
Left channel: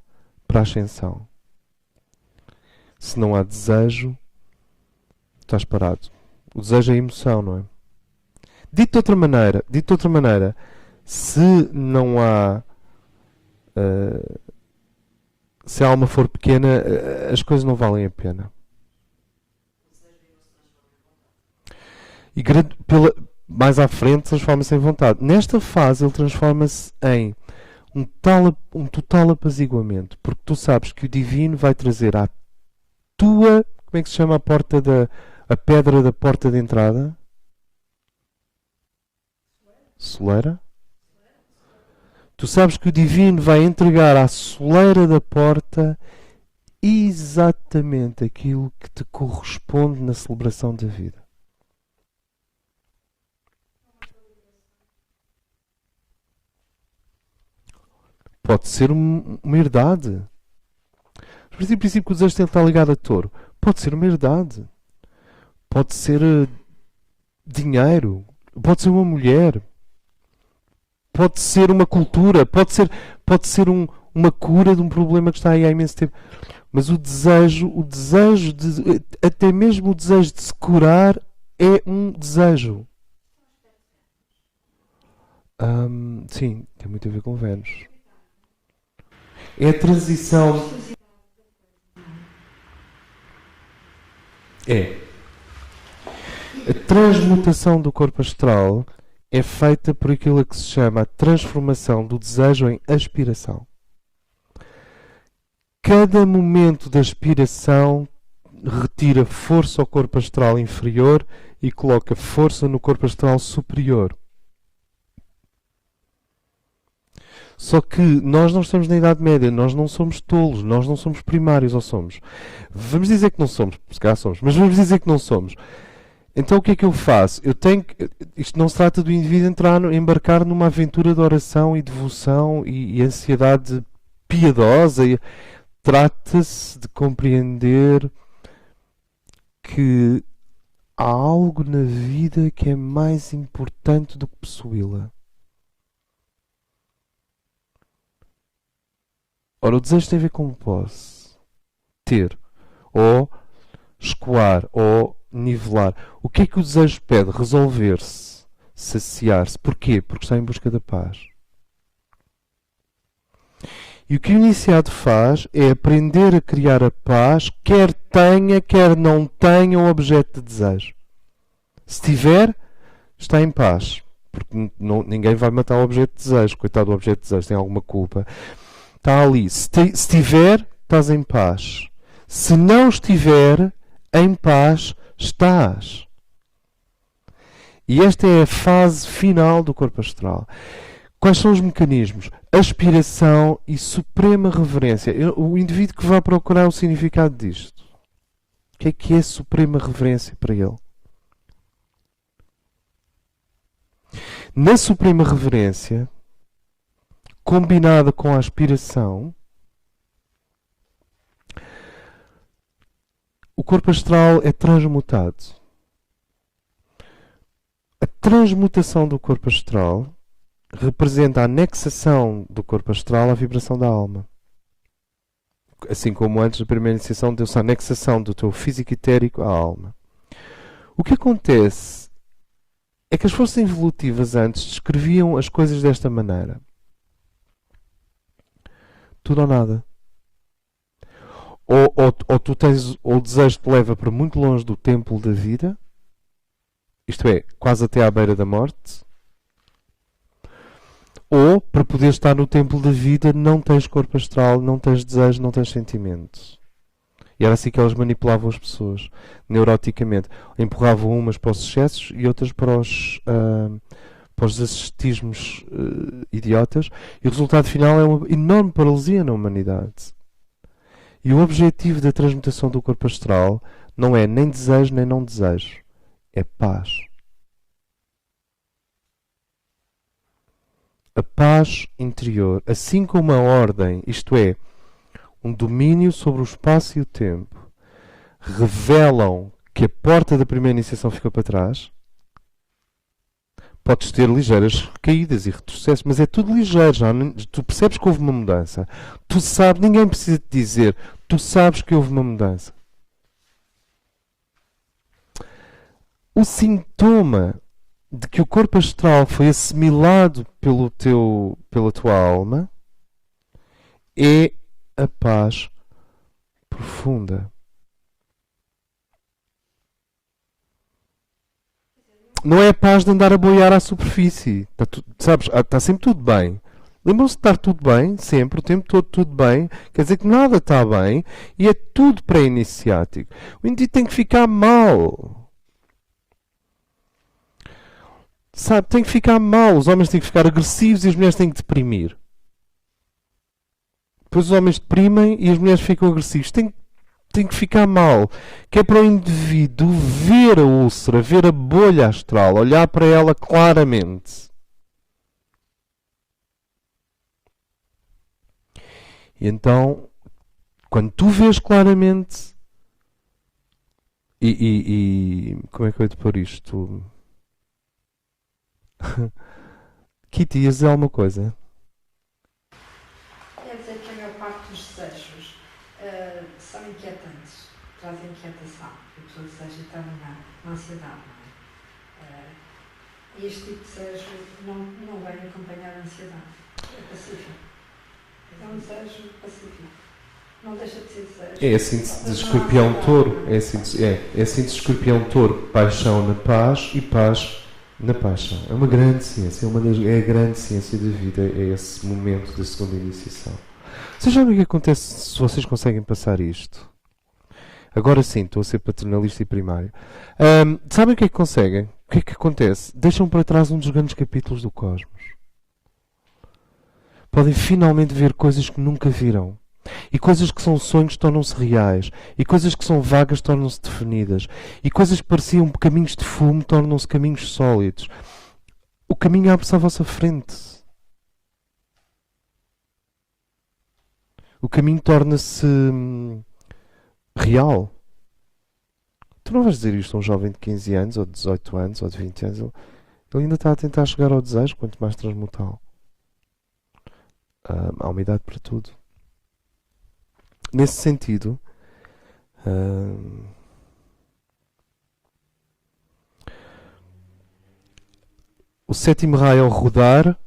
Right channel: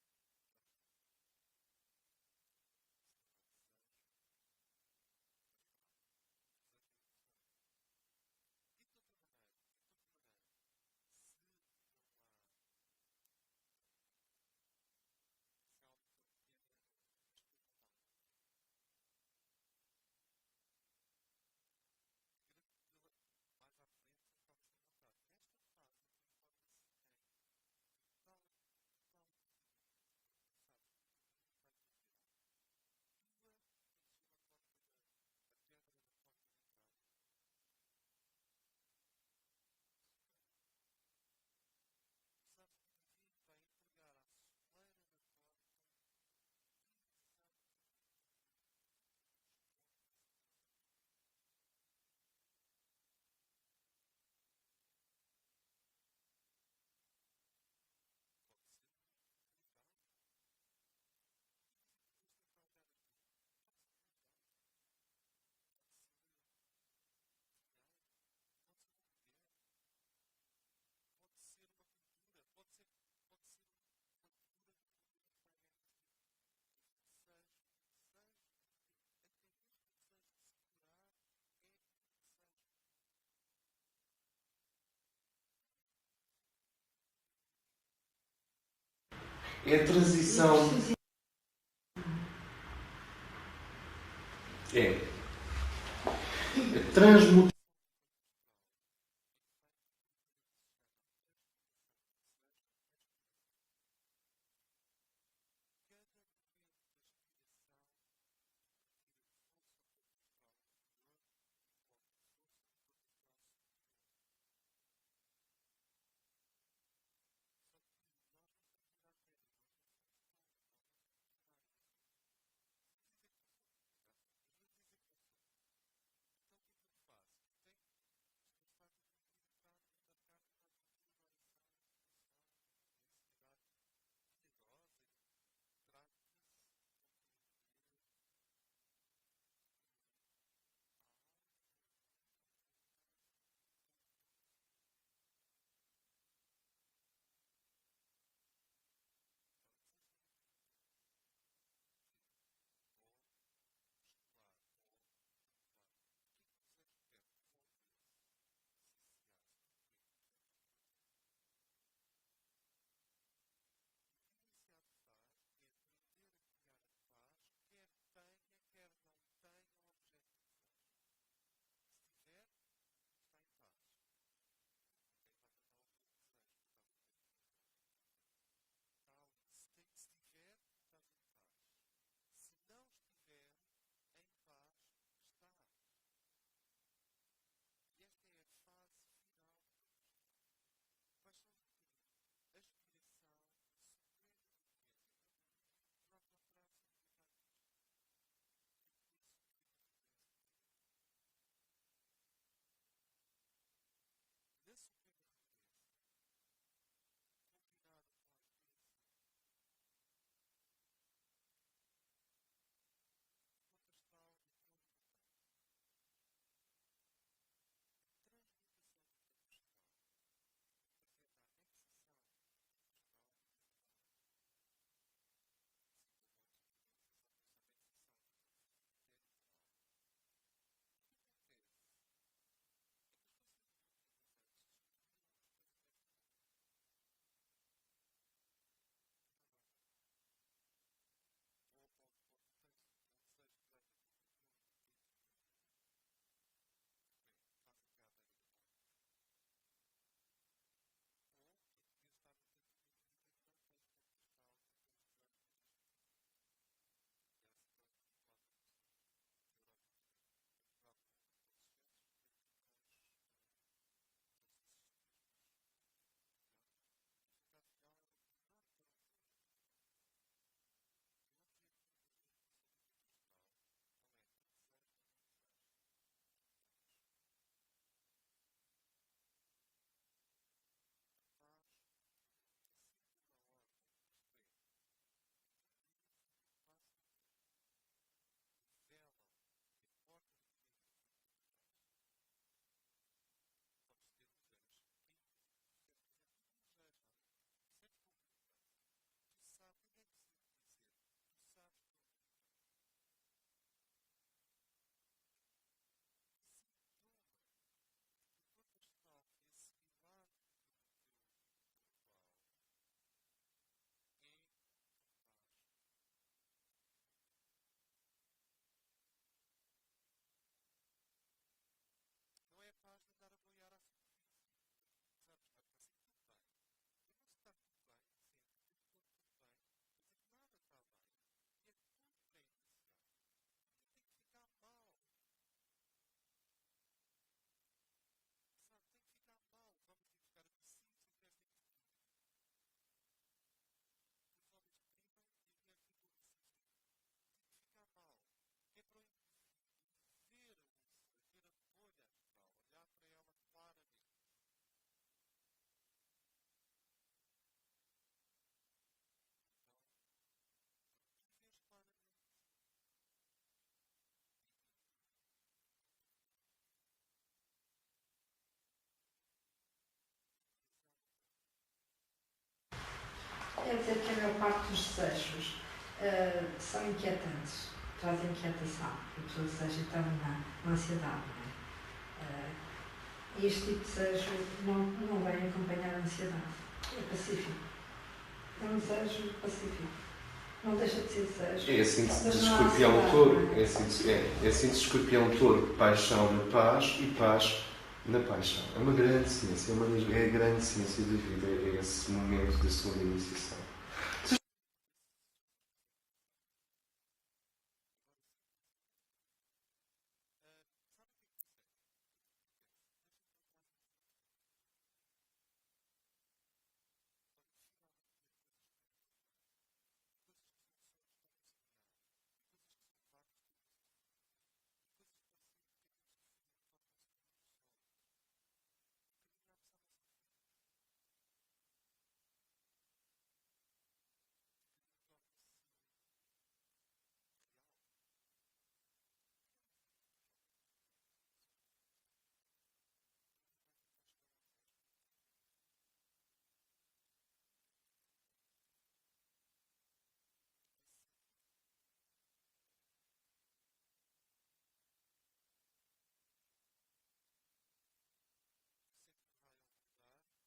a ascensão. Se não há desejo, estás parado. O desejo é emoção, não é? Dito de outra maneira, se não há se a alma for pequena, as coisas não valem a pena. E mais à frente transforma-se em vontade. Nesta fase ele transforma-se em um total apaziguamento, porque tu sabes que o divino vai trazer à tua, como é que se chama a pedra da porta de entrada? Soleira? Tu sabes que o divino vai entregar à soleira da porta exatamente aquilo que te corresponde na celebração da vida. Pode ser uma herdade. Mas em princípio que o desejo tem que estar ligado a touro. Pode ser uma herdade. Pode ser dinheiro. Pode ser uma mulher. Pode ser uma cultura. Pode ser uma cura de um problema que está aí há imenso tempo. Mas o desejo até mesmo o desejo de se curar é um desejo. Sim, tem muito a ver com Vênus. É a transição. A transmutação do corpo astral é feita por aquilo que se chama a transformação do desejo em aspiração. Cada momento da aspiração retira força ao corpo astral inferior e coloca força no corpo astral superior. Só que nós não estamos na Idade Média, nós não somos tolos, nós não somos primários, ou somos? Vamos dizer que não somos, se calhar somos, mas vamos dizer que não somos. Então o que é que eu faço? Isto não se trata do indivíduo embarcar numa aventura de oração e devoção e ansiedade piedosa. Trata-se de compreender que há algo na vida que é mais importante do que possuí-la. Ora, o desejo tem a ver com posse. Ter. Ou escoar. Ou nivelar. O que é que o desejo pede? Resolver-se. Saciar-se. Porquê? Porque está em busca da paz. E o que o iniciado faz é aprender a criar a paz, quer tenha, quer não tenha um objeto de desejo. Se tiver, está em paz. Porque ninguém vai matar o objeto de desejo. Coitado do objeto de desejo, tem alguma culpa. Está ali. Se tiver, estás em paz. Se não estiver em paz, estás. E esta é a fase final do corpo astral. Quais são os mecanismos? Aspiração e suprema reverência. O indivíduo que vai procurar o significado disto. O que é suprema reverência para ele? Na suprema reverência, combinada com a aspiração, o corpo astral é transmutado. A transmutação do corpo astral representa a anexação do corpo astral à vibração da alma. Assim como antes da primeira iniciação deu-se a anexação do teu físico etérico à alma. O que acontece é que as forças evolutivas antes descreviam as coisas desta maneira. Tudo ou nada. Ou tu tens, ou o desejo te leva para muito longe do templo da vida, isto é, quase até à beira da morte, ou para poder estar no templo da vida não tens corpo astral, não tens desejo, não tens sentimentos. E era assim que elas manipulavam as pessoas, neuroticamente. Empurravam umas para os excessos e outras para os ascetismos idiotas. E o resultado final é uma enorme paralisia na humanidade. E o objetivo da transmutação do corpo astral não é nem desejo nem não desejo. É paz. A paz interior, assim como a ordem, isto é, um domínio sobre o espaço e o tempo, revelam que a porta da primeira iniciação ficou para trás. Podes ter ligeiras caídas e retrocessos, mas é tudo ligeiro. Já, tu percebes que houve uma mudança. Tu sabes, ninguém precisa te dizer, tu sabes que houve uma mudança. O sintoma de que o corpo astral foi assimilado pela tua alma é a paz profunda. Não é a paz de andar a boiar à superfície. Sabes, está sempre tudo bem. Lembram-se de estar tudo bem, sempre, o tempo todo tudo bem. Quer dizer que nada está bem e é tudo pré-iniciático. O indivíduo tem que ficar mal. Sabe, tem que ficar mal. Os homens têm que ficar agressivos e as mulheres têm que deprimir. Depois os homens deprimem e as mulheres ficam agressivos. Tem que ficar mal. Que é para o indivíduo ver a úlcera, ver a bolha astral, olhar para ela claramente. E então, quando tu vês claramente. Como é que eu ia te pôr isto? Kitty, ias dizer alguma coisa? Quer dizer que a maior parte dos desejos são inquietantes, trazem inquietação, que a pessoa deseja estar na ansiedade, não é? Este tipo de desejo não vem acompanhar a ansiedade, é pacífico. É um desejo pacífico. Não deixa de ser desejo. É assim de escorpião-touro. É assim de escorpião-touro. Paixão na paz e paz na paixão. É uma grande ciência. É a grande ciência da vida. É esse momento da segunda iniciação. Vocês sabem o que acontece se vocês conseguem passar isto? Agora sim, estou a ser paternalista e primário. Sabem o que é que conseguem? O que é que acontece? Deixam para trás um dos grandes capítulos do cosmos. Podem finalmente ver coisas que nunca viram. E coisas que são sonhos tornam-se reais. E coisas que são vagas tornam-se definidas. E coisas que pareciam caminhos de fumo tornam-se caminhos sólidos. O caminho abre-se à vossa frente. O caminho torna-se real. Tu não vais dizer isto a um jovem de 15 anos, ou de 18 anos, ou de 20 anos. Ele ainda está a tentar chegar ao desejo, quanto mais transmutá-lo. Há uma idade para tudo. Nesse sentido, o sétimo raio ao rodar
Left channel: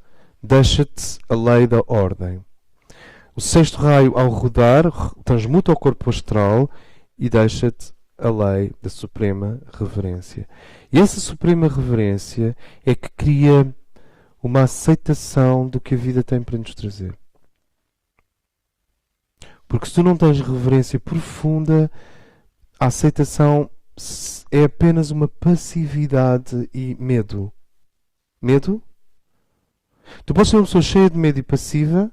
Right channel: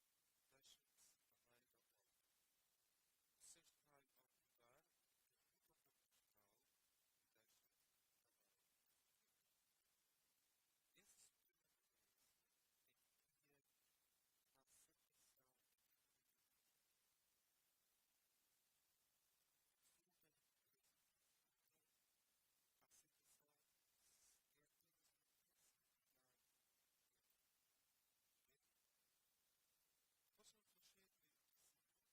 deixa-te a lei da ordem. O sexto raio ao rodar transmuta o corpo astral e deixa-te a lei da suprema reverência. E essa suprema reverência é que cria uma aceitação do que a vida tem para nos trazer. Porque se tu não tens reverência profunda, a aceitação é apenas uma passividade e medo. Medo? Tu podes ser uma pessoa cheia de medo e passiva,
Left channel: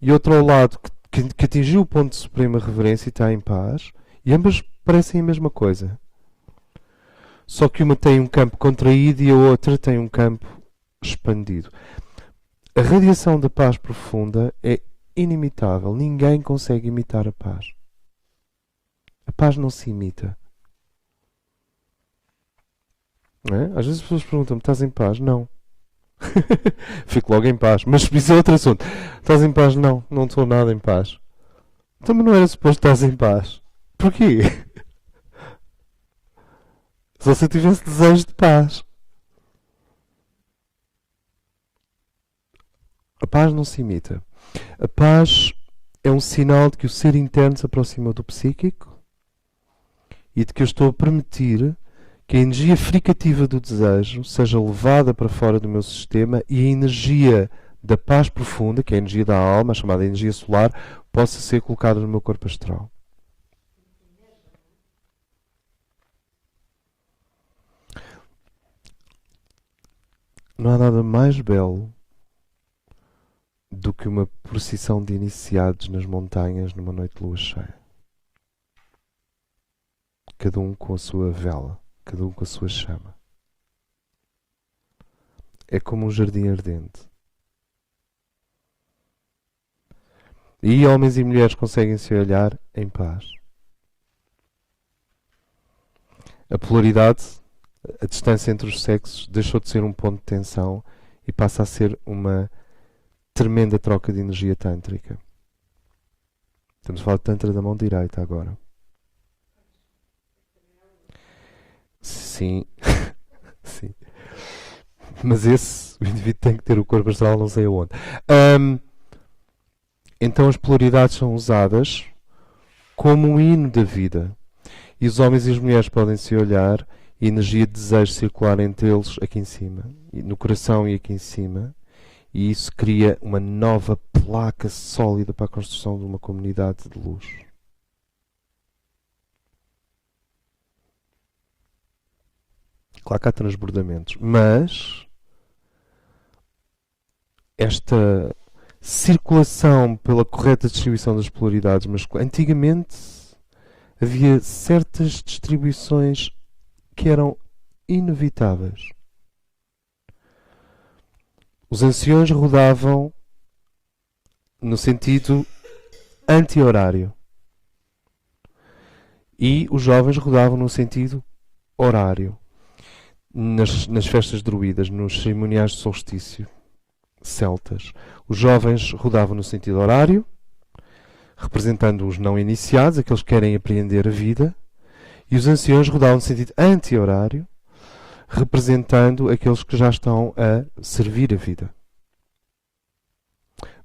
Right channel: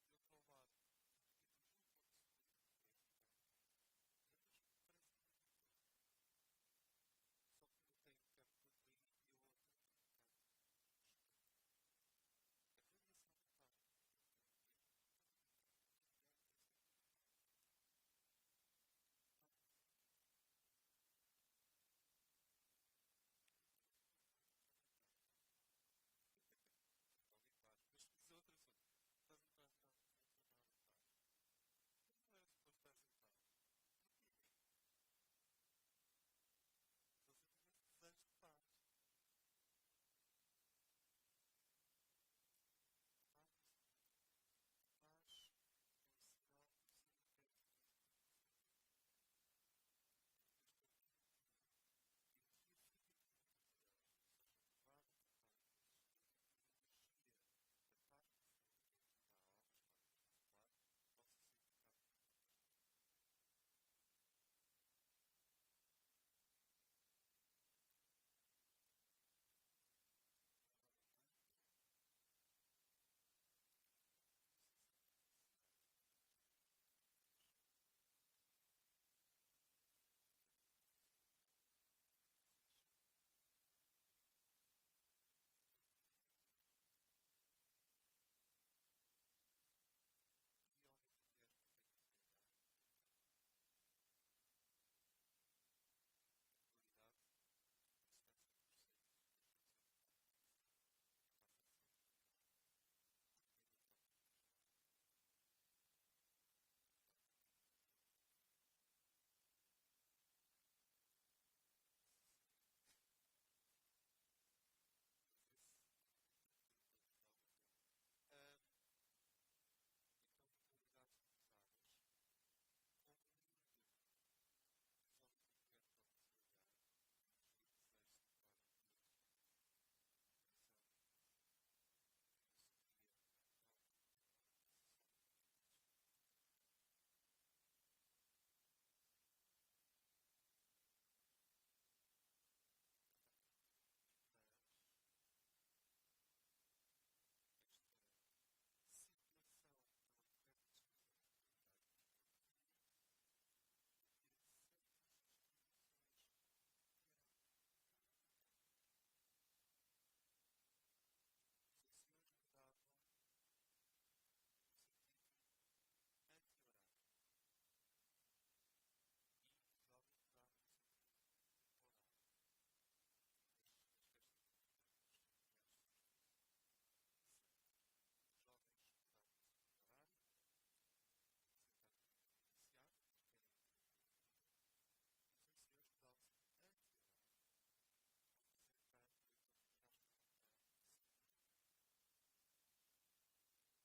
e outro ao lado que atingiu o ponto de suprema reverência e está em paz, e ambas parecem a mesma coisa. Só que uma tem um campo contraído e a outra tem um campo expandido. A radiação da paz profunda é inimitável. Ninguém consegue imitar a paz. A paz não se imita. Não é? Às vezes as pessoas perguntam-me, estás em paz? Não. Fico logo em paz. Mas isso é outro assunto. Estás em paz? Não. Não estou nada em paz. Também não era suposto estás em paz. Porquê? Só se eu tivesse desejo de paz. A paz não se imita. A paz é um sinal de que o ser interno se aproxima do psíquico e de que eu estou a permitir que a energia fricativa do desejo seja levada para fora do meu sistema e a energia da paz profunda, que é a energia da alma, a chamada energia solar, possa ser colocada no meu corpo astral. Não há nada mais belo do que uma procissão de iniciados nas montanhas numa noite de lua cheia. Cada um com a sua vela, cada um com a sua chama. É como um jardim ardente. E homens e mulheres conseguem se olhar em paz. A polaridade, a distância entre os sexos, deixou de ser um ponto de tensão e passa a ser uma tremenda troca de energia tântrica. Estamos a falar de tantra da mão direita agora. Sim. Sim. Mas o indivíduo tem que ter o corpo astral não sei aonde. Então as polaridades são usadas como um hino da vida. E os homens e as mulheres podem se olhar e a energia de desejo circular entre eles aqui em cima, no coração e aqui em cima. E isso cria uma nova placa sólida para a construção de uma comunidade de luz. Claro que há transbordamentos, mas esta circulação pela correta distribuição das polaridades masculinas. Antigamente havia certas distribuições que eram inevitáveis. Os anciões rodavam no sentido anti-horário e os jovens rodavam no sentido horário. Nas festas druidas, nos cerimoniais de solstício celtas, os jovens rodavam no sentido horário, representando os não iniciados, aqueles que querem apreender a vida, e os anciões rodavam no sentido anti-horário, representando aqueles que já estão a servir a vida.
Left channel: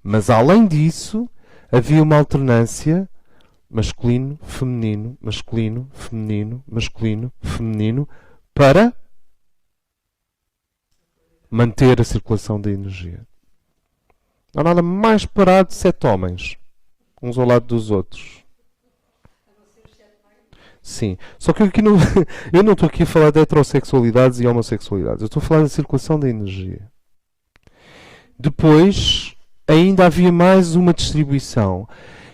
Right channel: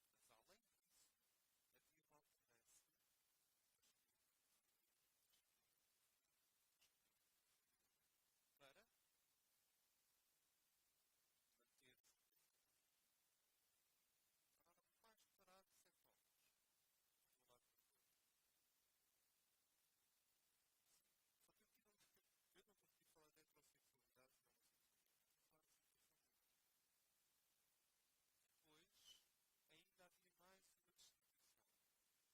Mas além disso, havia uma alternância masculino, feminino, masculino, feminino, masculino, feminino, para manter a circulação da energia. Não há nada mais parado de 7 homens, uns ao lado dos outros. Sim. Só que aqui eu não estou aqui a falar de heterossexualidades e homossexualidades. Eu estou a falar da circulação da energia. Depois, ainda havia mais uma distribuição,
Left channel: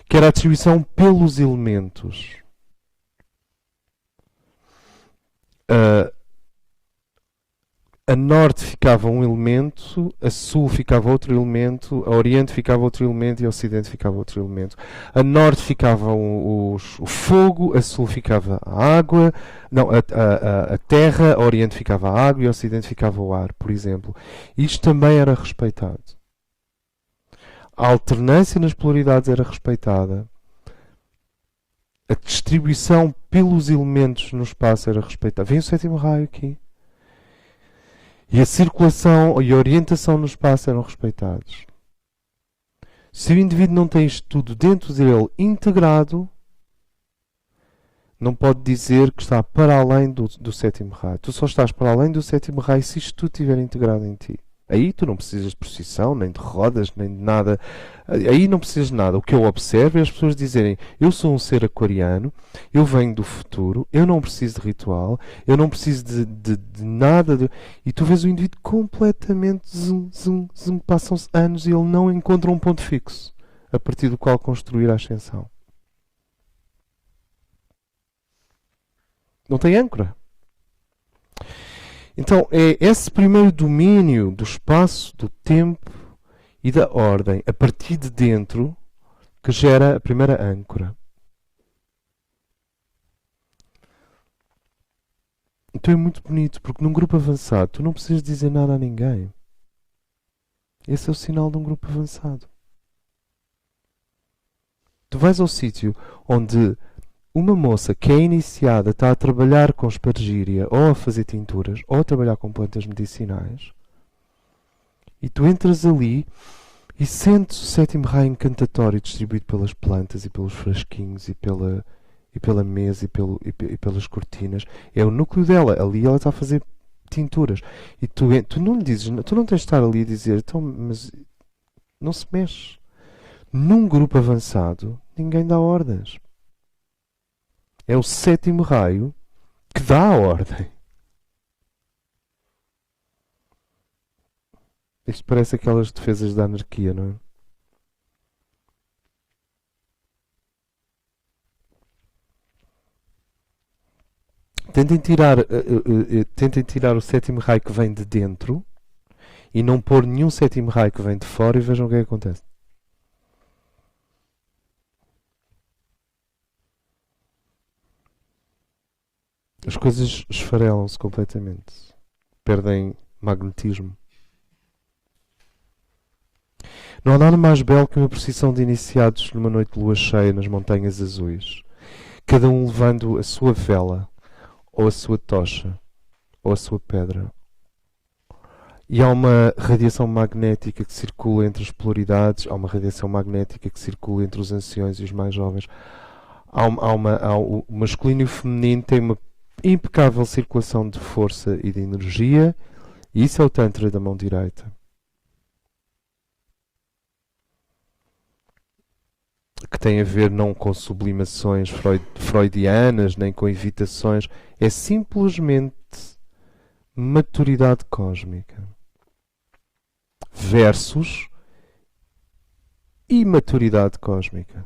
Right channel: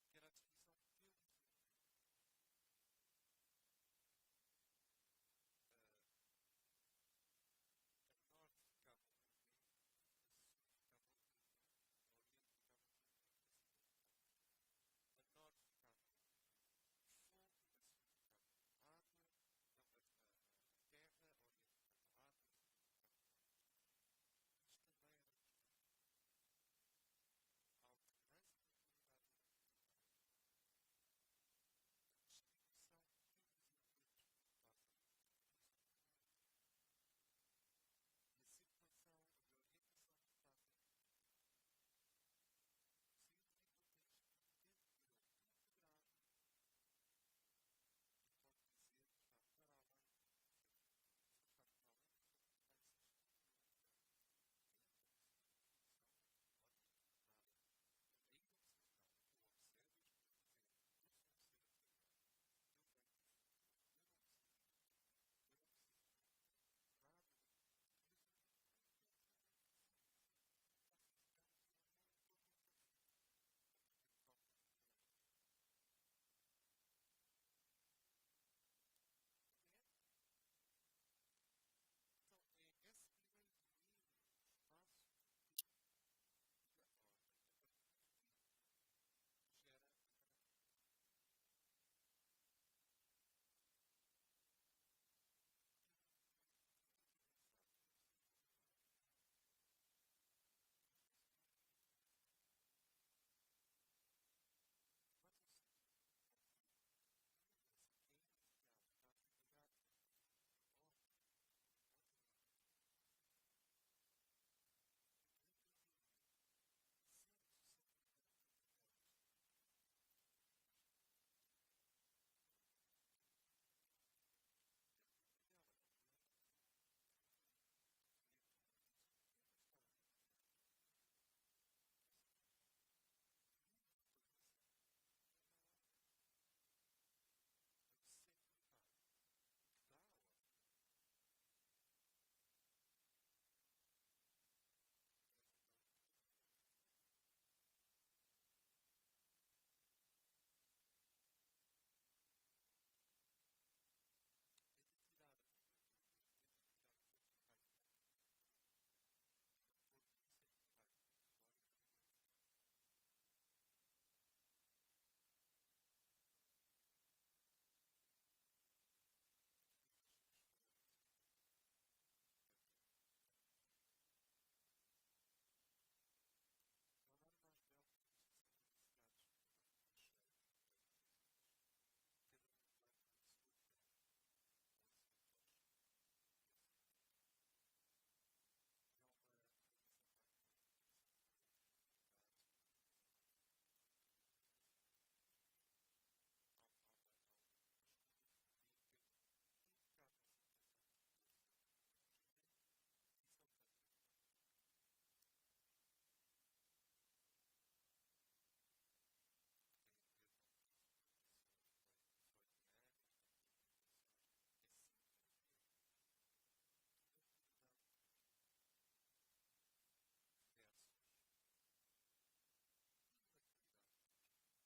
que era a distribuição pelos elementos. a norte ficava um elemento, a sul ficava outro elemento, a oriente ficava outro elemento e a ocidente ficava outro elemento. A norte ficava o fogo, a sul ficava a água, não, a terra, a oriente ficava a água e a ocidente ficava o ar, por exemplo. Isto também era respeitado. A alternância nas polaridades era respeitada. A distribuição pelos elementos no espaço era respeitada. Vem o sétimo raio aqui. E a circulação e a orientação no espaço eram respeitados. Se o indivíduo não tem isto tudo dentro dele integrado, não pode dizer que está para além do sétimo raio. Tu só estás para além do sétimo raio se isto tudo estiver integrado em ti. Aí tu não precisas de procissão, nem de rodas, nem de nada. Aí não precisas de nada. O que eu observo é as pessoas dizerem: eu sou um ser aquariano, eu venho do futuro, eu não preciso de ritual, eu não preciso de nada. E tu vês o indivíduo completamente passam-se anos e ele não encontra um ponto fixo a partir do qual construir a ascensão. Não tem âncora. Então, é esse primeiro domínio do espaço, do tempo e da ordem, a partir de dentro, que gera a primeira âncora. Então é muito bonito, porque num grupo avançado tu não precisas dizer nada a ninguém. Esse é o sinal de um grupo avançado. Tu vais ao sítio onde uma moça que é iniciada está a trabalhar com espargíria, ou a fazer tinturas, ou a trabalhar com plantas medicinais, e tu entras ali e sentes o sétimo raio encantatório distribuído pelas plantas e pelos frasquinhos e pela mesa e pelas cortinas. É o núcleo dela. Ali ela está a fazer tinturas. E tu não lhe dizes, tu não tens de estar ali a dizer, então, mas não se mexe. Num grupo avançado, ninguém dá ordens. É o sétimo raio que dá a ordem. Isto parece aquelas defesas da anarquia, não é? Tentem tirar o sétimo raio que vem de dentro e não pôr nenhum sétimo raio que vem de fora e vejam o que é que acontece. As coisas esfarelam-se completamente. Perdem magnetismo. Não há nada mais belo que uma procissão de iniciados numa noite de lua cheia nas montanhas azuis. Cada um levando a sua vela, ou a sua tocha, ou a sua pedra. E há uma radiação magnética que circula entre as polaridades, há uma radiação magnética que circula entre os anciões e os mais jovens. O masculino e o feminino têm uma impecável circulação de força e de energia, e isso é o Tantra da mão direita. Que tem a ver não com sublimações freudianas, nem com evitações, é simplesmente maturidade cósmica versus imaturidade cósmica.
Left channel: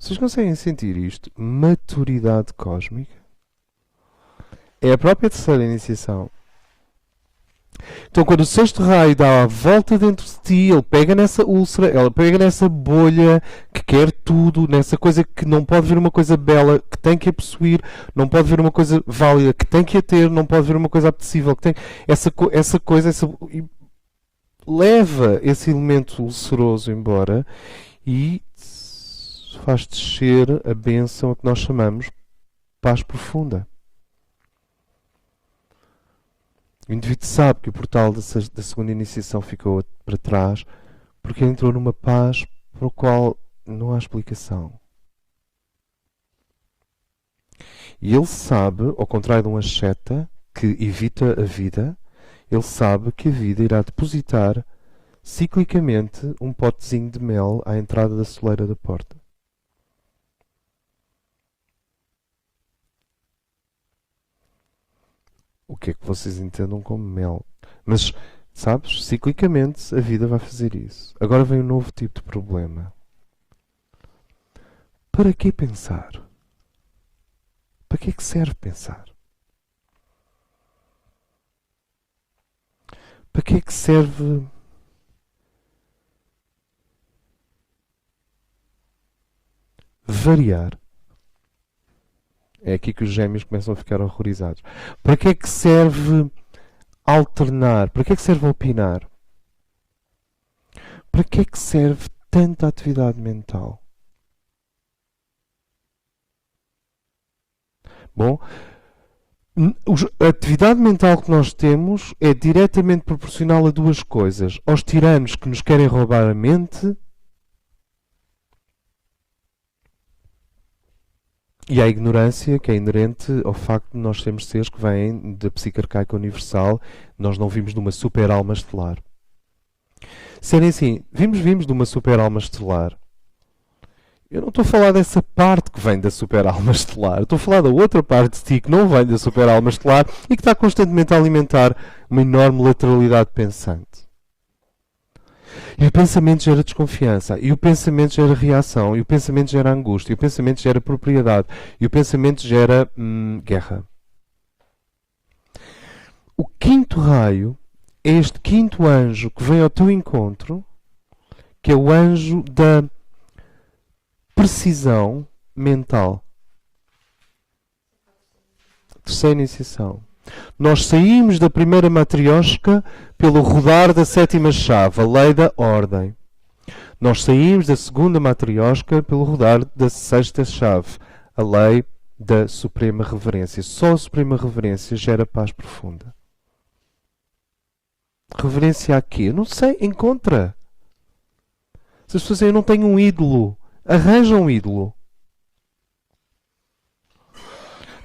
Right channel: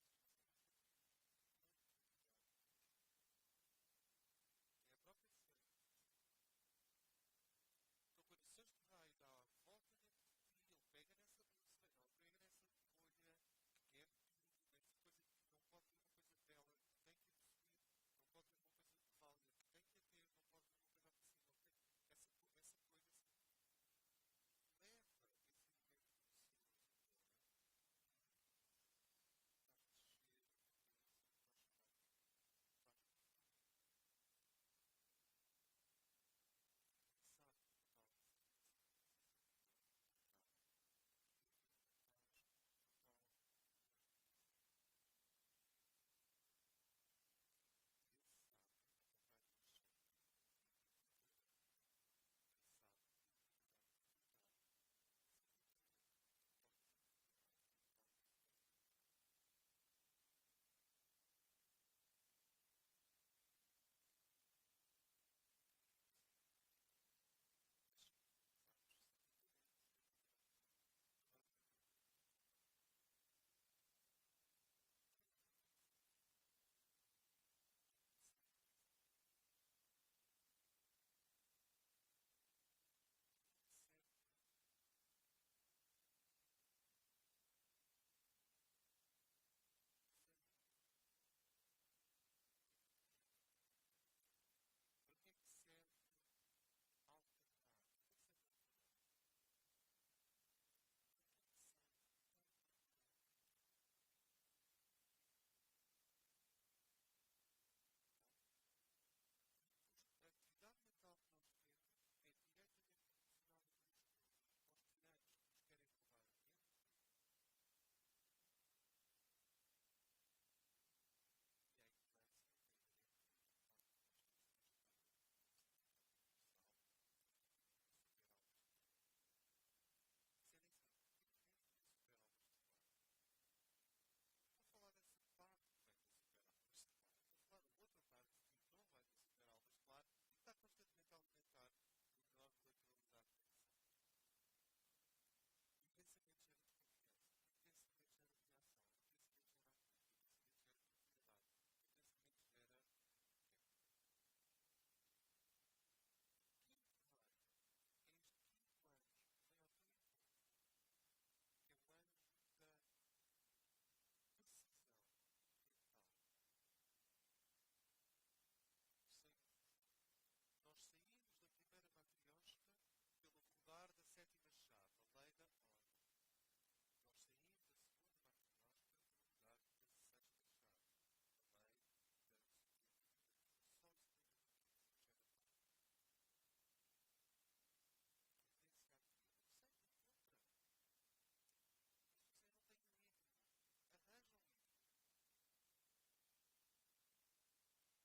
Vocês conseguem sentir isto? Maturidade cósmica. É a própria terceira iniciação. Então, quando o sexto raio dá a volta dentro de ti, ele pega nessa úlcera, ela pega nessa bolha que quer tudo, nessa coisa que não pode ver uma coisa bela, que tem que a possuir, não pode ver uma coisa válida, que tem que a ter, não pode ver uma coisa apetecível, que tem essa coisa, leva esse elemento ulceroso embora e faz descer a bênção a que nós chamamos paz profunda. O indivíduo sabe que o portal da segunda iniciação ficou para trás porque ele entrou numa paz para o qual não há explicação. E ele sabe, ao contrário de um asceta que evita a vida, ele sabe que a vida irá depositar ciclicamente um potezinho de mel à entrada da soleira da porta. O que é que vocês entendam como mel? Mas, sabes, ciclicamente a vida vai fazer isso. Agora vem um novo tipo de problema. Para que pensar? Para que é que serve pensar? Para que é que serve variar? É aqui que os gêmeos começam a ficar horrorizados. Para que é que serve alternar? Para que é que serve opinar? Para que é que serve tanta atividade mental? Bom, a atividade mental que nós temos é diretamente proporcional a duas coisas: aos tiranos que nos querem roubar a mente e à ignorância que é inerente ao facto de nós sermos seres que vêm da psique arcaica universal. Nós não vimos de uma super alma estelar. Serem assim, vimos de uma super alma estelar. Eu não estou a falar dessa parte que vem da super alma estelar. Eu estou a falar da outra parte de ti que não vem da super alma estelar e que está constantemente a alimentar uma enorme lateralidade pensante. E o pensamento gera desconfiança, e o pensamento gera reação, e o pensamento gera angústia, e o pensamento gera propriedade, e o pensamento gera guerra. O quinto raio é este quinto anjo que vem ao teu encontro, que é o anjo da precisão mental. Terceira iniciação. Nós saímos da primeira matriosca pelo rodar da sétima chave, a lei da ordem. Nós saímos da segunda matriosca pelo rodar da sexta chave, a lei da suprema reverência. Só a suprema reverência gera paz profunda. Reverência a quê? Não sei, encontra. Se as pessoas dizem, eu não tenho um ídolo, arranja um ídolo.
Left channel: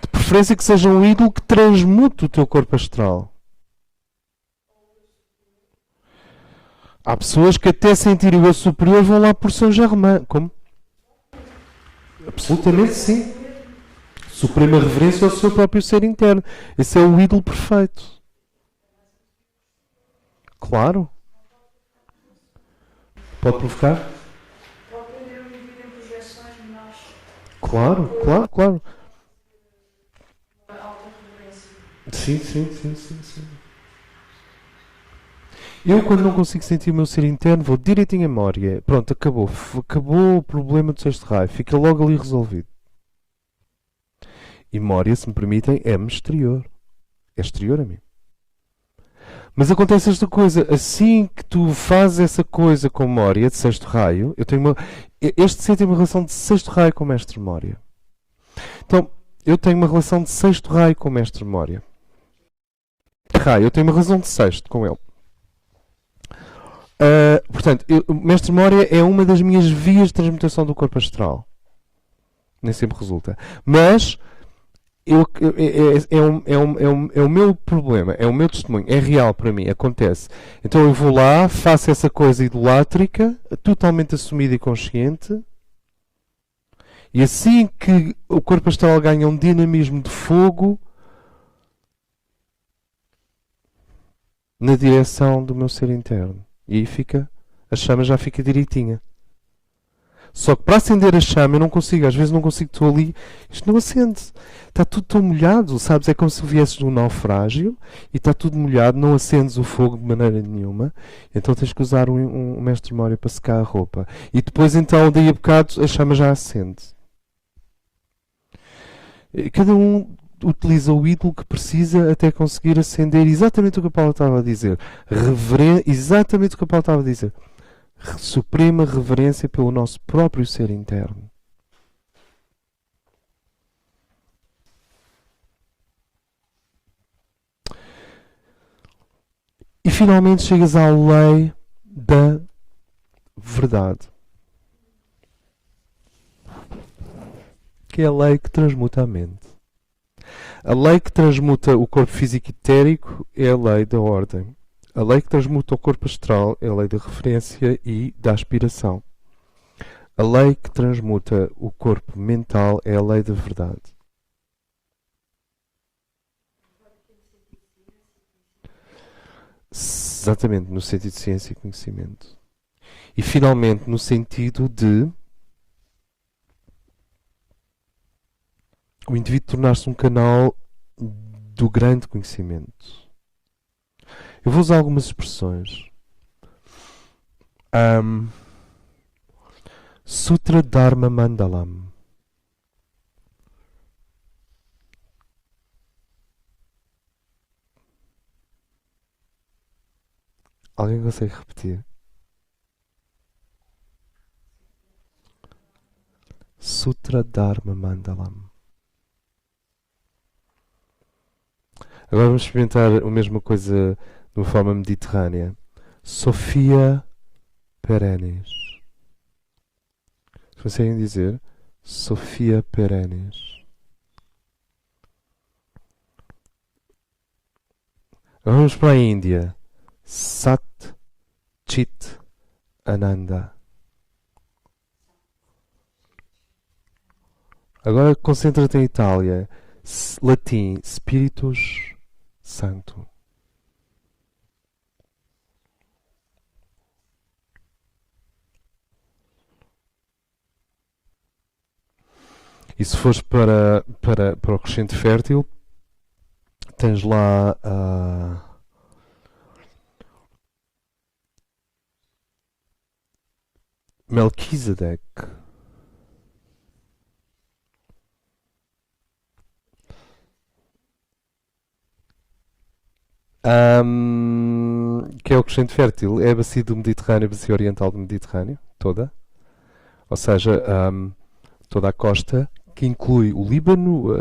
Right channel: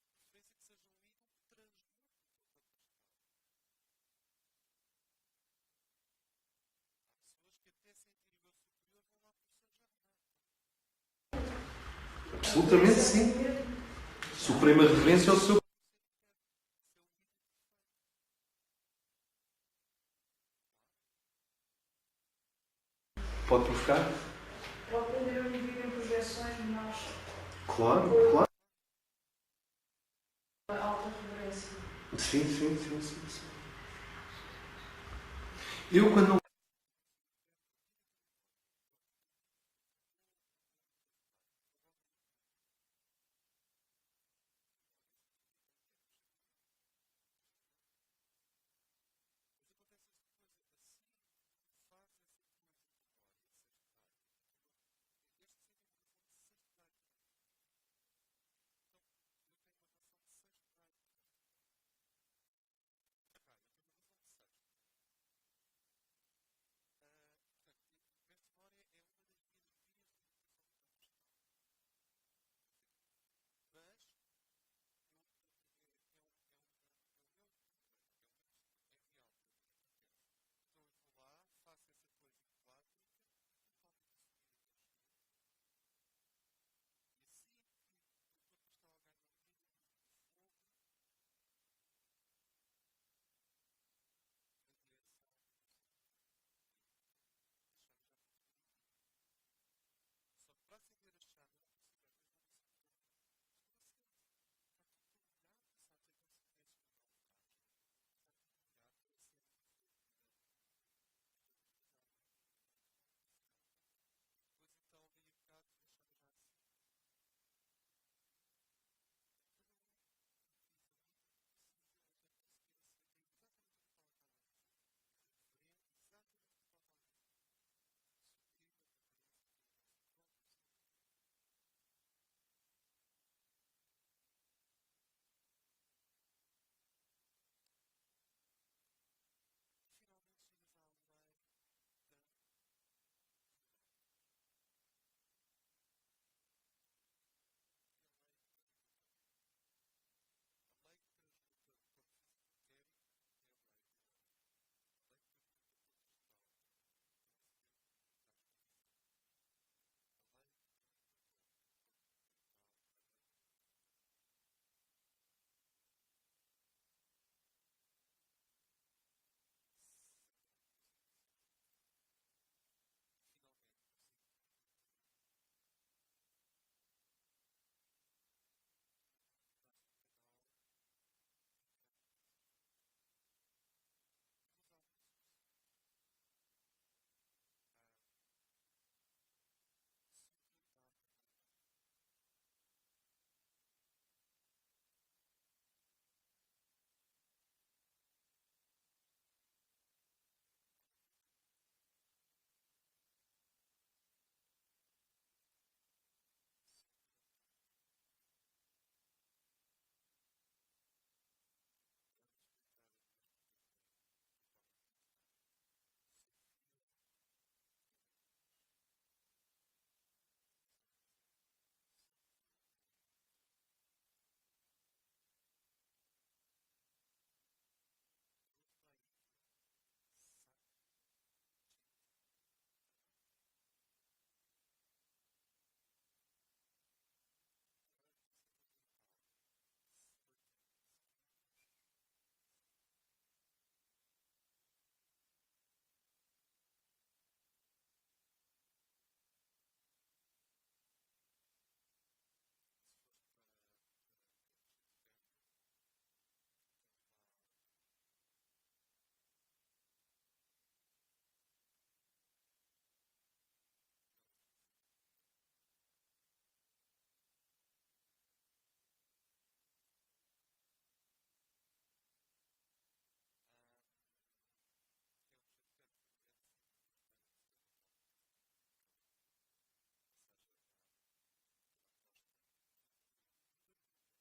De preferência que seja um ídolo que transmute o teu corpo astral. Há pessoas que até sentirem o eu superior vão lá por São Germain. Como? Absolutamente sim. Suprema reverência ao seu próprio ser interno. Esse é o ídolo perfeito. Claro. Pode provocar? Pode aprender a viver em projeções de nós. Claro. A alta reverência. Sim. Eu, quando não consigo sentir o meu ser interno, vou direitinho a Mória. Pronto, acabou. Acabou o problema do sexto raio. Fica logo ali resolvido. E Mória, se me permitem, é-me exterior. É exterior a mim. Mas acontece esta coisa. Assim que tu fazes essa coisa com Mória, de sexto raio, eu tenho uma... Este ser tem uma relação de sexto raio com o mestre Mória. Então, eu tenho uma relação de sexto raio com o mestre Mória. Raio, eu tenho uma relação de sexto com ele. Portanto, o mestre Mória é uma das minhas vias de transmutação do corpo astral. Nem sempre resulta. Mas é o meu problema, é o meu testemunho, é real para mim, acontece. Então eu vou lá, faço essa coisa idolátrica, totalmente assumida e consciente, e assim que o corpo astral ganha um dinamismo de fogo na direção do meu ser interno. E aí a chama já fica direitinha. Só que para acender a chama eu não consigo, às vezes não consigo, estou ali, isto não acende. Está tudo tão molhado, sabes? É como se viesses de um naufrágio e está tudo molhado, não acendes o fogo de maneira nenhuma. Então tens que usar um mestre Mória para secar a roupa. E depois então, daí a bocado, a chama já acende. Cada um utiliza o ídolo que precisa até conseguir acender exatamente o que a Paula estava a dizer. Exatamente o que a Paula estava a dizer. Suprema reverência pelo nosso próprio ser interno. E finalmente chegas à lei da verdade. Que é a lei que transmuta a mente. A lei que transmuta o corpo físico etérico é a lei da ordem. A lei que transmuta o corpo astral é a lei da referência e da aspiração. A lei que transmuta o corpo mental é a lei da verdade. Exatamente, no sentido de ciência e conhecimento. E finalmente no sentido de o indivíduo tornar-se um canal do grande conhecimento. Eu vou usar algumas expressões. Sutra Dharma Mandalam. Alguém consegue repetir? Sutra Dharma Mandalam. Agora vamos experimentar a mesma coisa de uma forma mediterrânea. Sophia Perennis. Conseguem dizer? Sophia Perennis. Agora vamos para a Índia. Sat Chit Ananda. Agora concentra-te em Itália. Latim, Spiritus Santo. E se fores para o crescente fértil, tens lá Melquisedeque. Que é o crescente fértil. É a bacia do Mediterrâneo, a bacia oriental do Mediterrâneo, toda. Ou seja, toda a costa, que inclui o Líbano,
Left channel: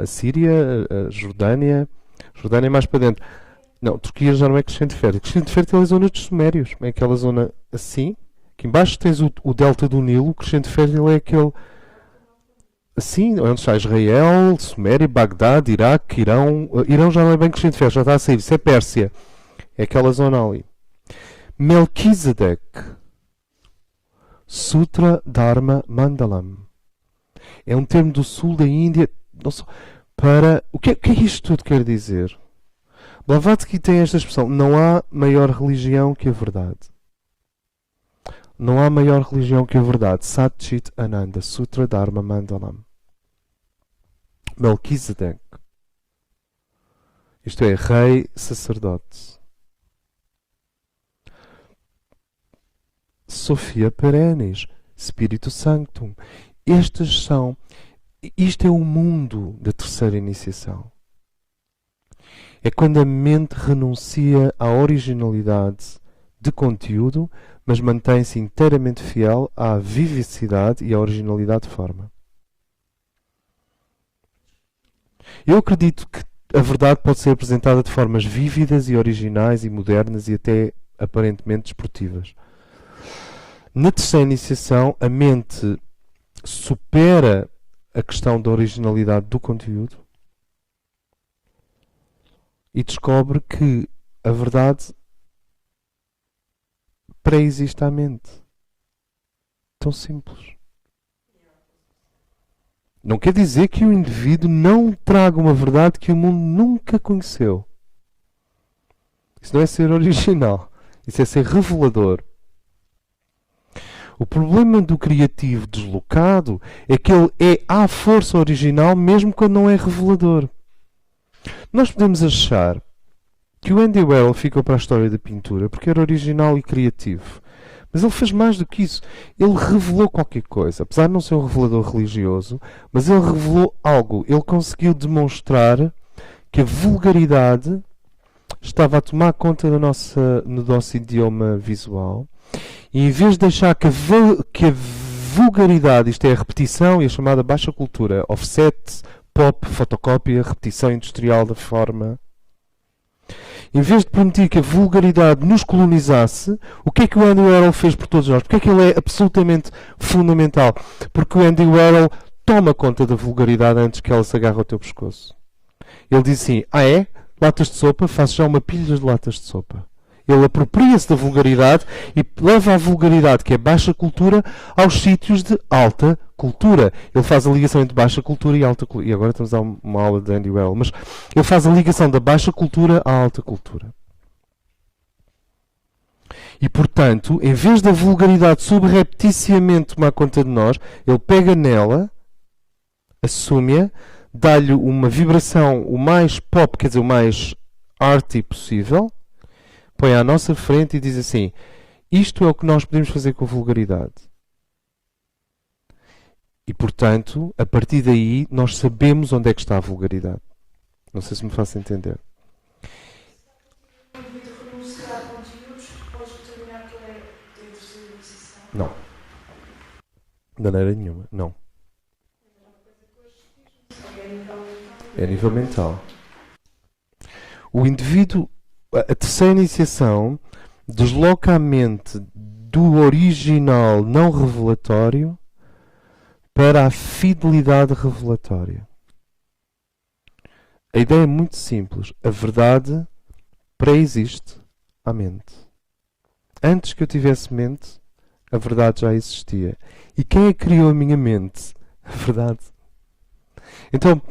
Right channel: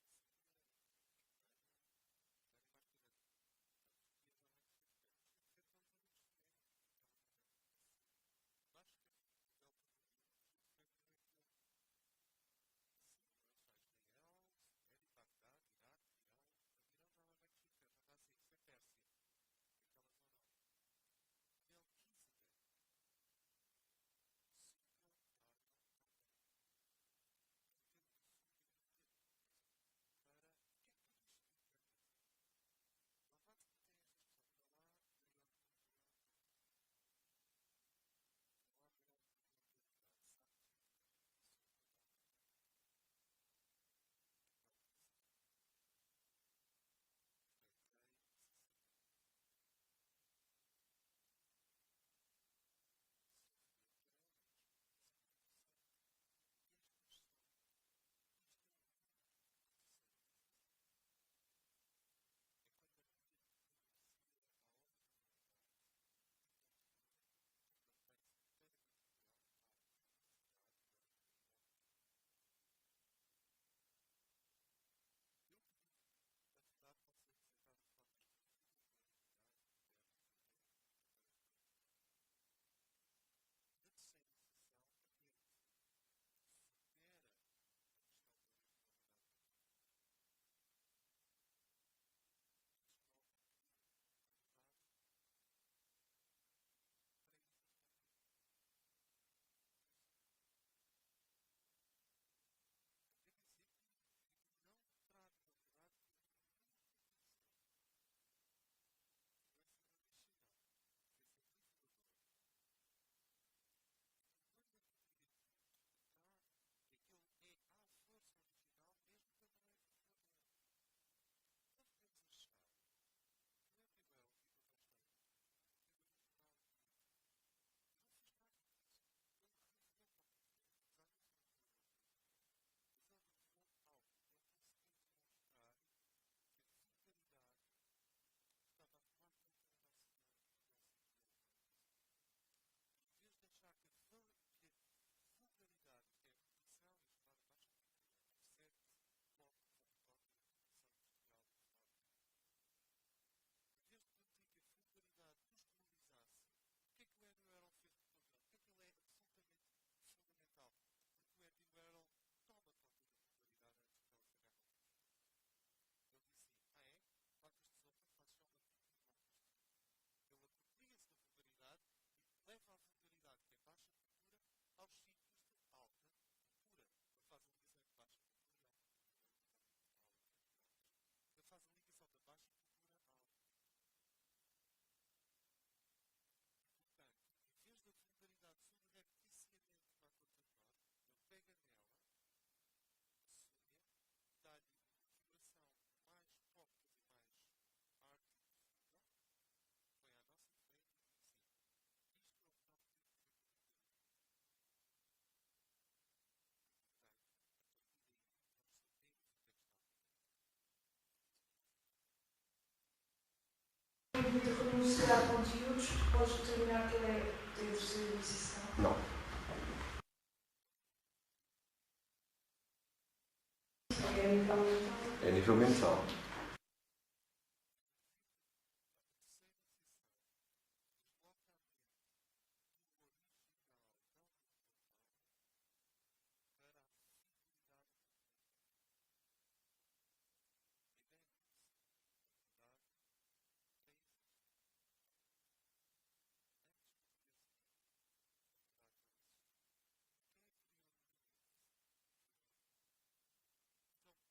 a Síria, a Jordânia. Jordânia é mais para dentro. Não, Turquia já não é crescente fértil. Crescente fértil é a zona dos Sumérios. É aquela zona assim. Aqui embaixo tens o delta do Nilo. O crescente fértil é aquele... Assim, onde está Israel, Suméria, Bagdade, Iraque, Irão. Irão já não é bem crescente fértil, já está a sair. Isso é Pérsia. É aquela zona ali. Melquisedeque. Sutra Dharma Mandalam. É um termo do sul da Índia para... O que é isto tudo quer dizer? Blavatsky tem esta expressão: não há maior religião que a verdade. Não há maior religião que a verdade. Sat Chit Ananda. Sutra Dharma Mandalam. Melquisedeque. Isto é, rei sacerdote. Sophia Perennis. Spiritu Sanctum. Isto é o mundo da terceira iniciação. É quando a mente renuncia à originalidade de conteúdo, mas mantém-se inteiramente fiel à vivacidade e à originalidade de forma. Eu acredito que a verdade pode ser apresentada de formas vívidas e originais e modernas e até aparentemente desportivas. Na terceira iniciação, a mente supera a questão da originalidade do conteúdo e descobre que a verdade pré-existe à mente. Tão simples. Não quer dizer que o indivíduo não traga uma verdade que o mundo nunca conheceu. Isso não é ser original. Isso é ser revelador. O problema do criativo deslocado é que ele é à força original mesmo quando não é revelador. Nós podemos achar que o Andy Warhol ficou para a história da pintura porque era original e criativo. Mas ele fez mais do que isso. Ele revelou qualquer coisa. Apesar de não ser um revelador religioso, mas ele revelou algo. Ele conseguiu demonstrar que a vulgaridade estava a tomar conta do nosso idioma visual. E em vez de deixar que a vulgaridade, isto é a repetição e a chamada baixa cultura, offset, pop, fotocópia, repetição industrial da forma, em vez de permitir que a vulgaridade nos colonizasse, o que é que o Andy Warhol fez por todos nós? Porque é que ele é absolutamente fundamental? Porque o Andy Warhol toma conta da vulgaridade antes que ela se agarre ao teu pescoço. Ele diz assim: ah é? Latas de sopa? Faço já uma pilha de latas de sopa. Ele apropria-se da vulgaridade e leva a vulgaridade, que é baixa cultura, aos sítios de alta cultura. Ele faz a ligação entre baixa cultura e alta cultura. E agora estamos a uma aula de Andy Warhol. Mas ele faz a ligação da baixa cultura à alta cultura. E, portanto, em vez da vulgaridade subrepticiamente tomar conta de nós, ele pega nela, assume-a, dá-lhe uma vibração o mais pop, quer dizer, o mais arty possível, põe à nossa frente e diz assim: isto é o que nós podemos fazer com a vulgaridade. E, portanto, a partir daí, nós sabemos onde é que está a vulgaridade. Não sei se me faço entender. Não. De maneira nenhuma, não. É a nível mental. O indivíduo, a terceira iniciação, desloca a mente do original não revelatório para a fidelidade revelatória. A ideia é muito simples. A verdade pré-existe à mente. Antes que eu tivesse mente, a verdade já existia. E quem é que criou a minha mente? A verdade. Então,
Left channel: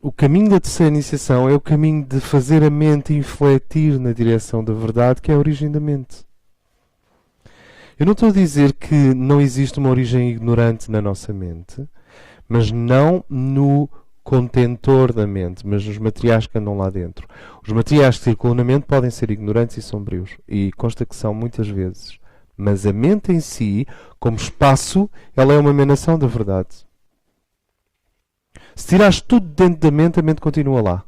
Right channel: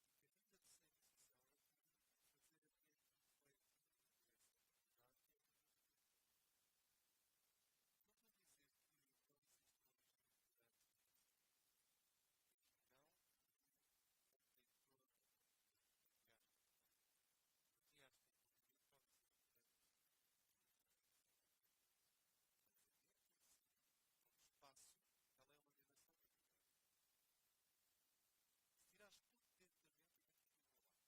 o caminho da terceira iniciação é o caminho de fazer a mente infletir na direção da verdade, que é a origem da mente. Eu não estou a dizer que não existe uma origem ignorante na nossa mente, mas não no contentor da mente, mas nos materiais que andam lá dentro. Os materiais que circulam na mente podem ser ignorantes e sombrios, e consta que são muitas vezes. Mas a mente em si, como espaço, ela é uma emanação da verdade. Se tirares tudo dentro da mente, a mente continua lá.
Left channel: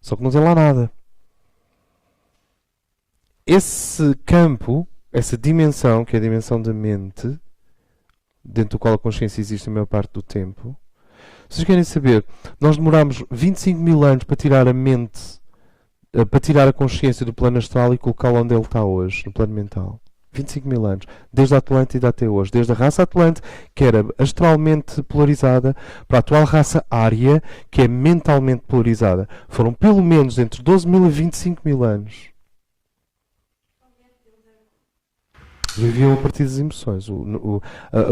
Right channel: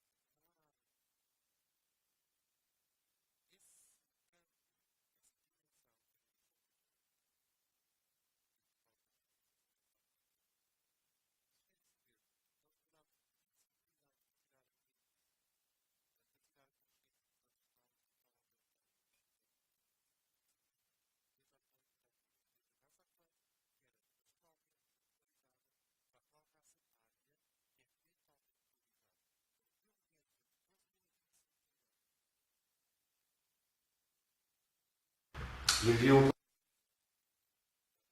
Só que não tem lá nada. Esse campo, essa dimensão, que é a dimensão da mente, dentro do qual a consciência existe a maior parte do tempo, vocês querem saber, nós demorámos 25 mil anos para tirar a mente, para tirar a consciência do plano astral e colocá-la onde ele está hoje, no plano mental. 25 mil anos, desde a Atlântida até hoje, desde a raça Atlante, que era astralmente polarizada, para a atual raça Ária, que é mentalmente polarizada. Foram pelo menos entre 12 mil e 25 mil anos. Viviam a partir das emoções.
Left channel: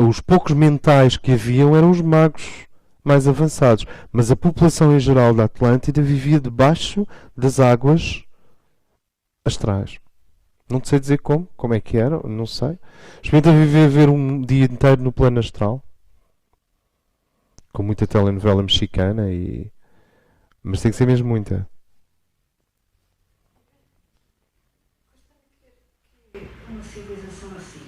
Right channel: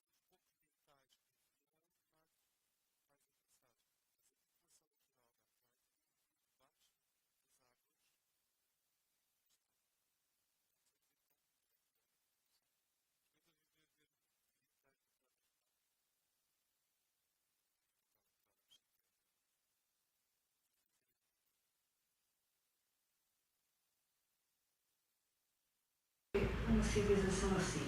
Os poucos mentais que haviam eram os magos mais avançados, mas a população em geral da Atlântida vivia debaixo das águas astrais. Não sei dizer como é que era, não sei. Experimenta viver um dia inteiro no plano astral, com muita telenovela mexicana, mas tem que ser mesmo muita. Uma civilização assim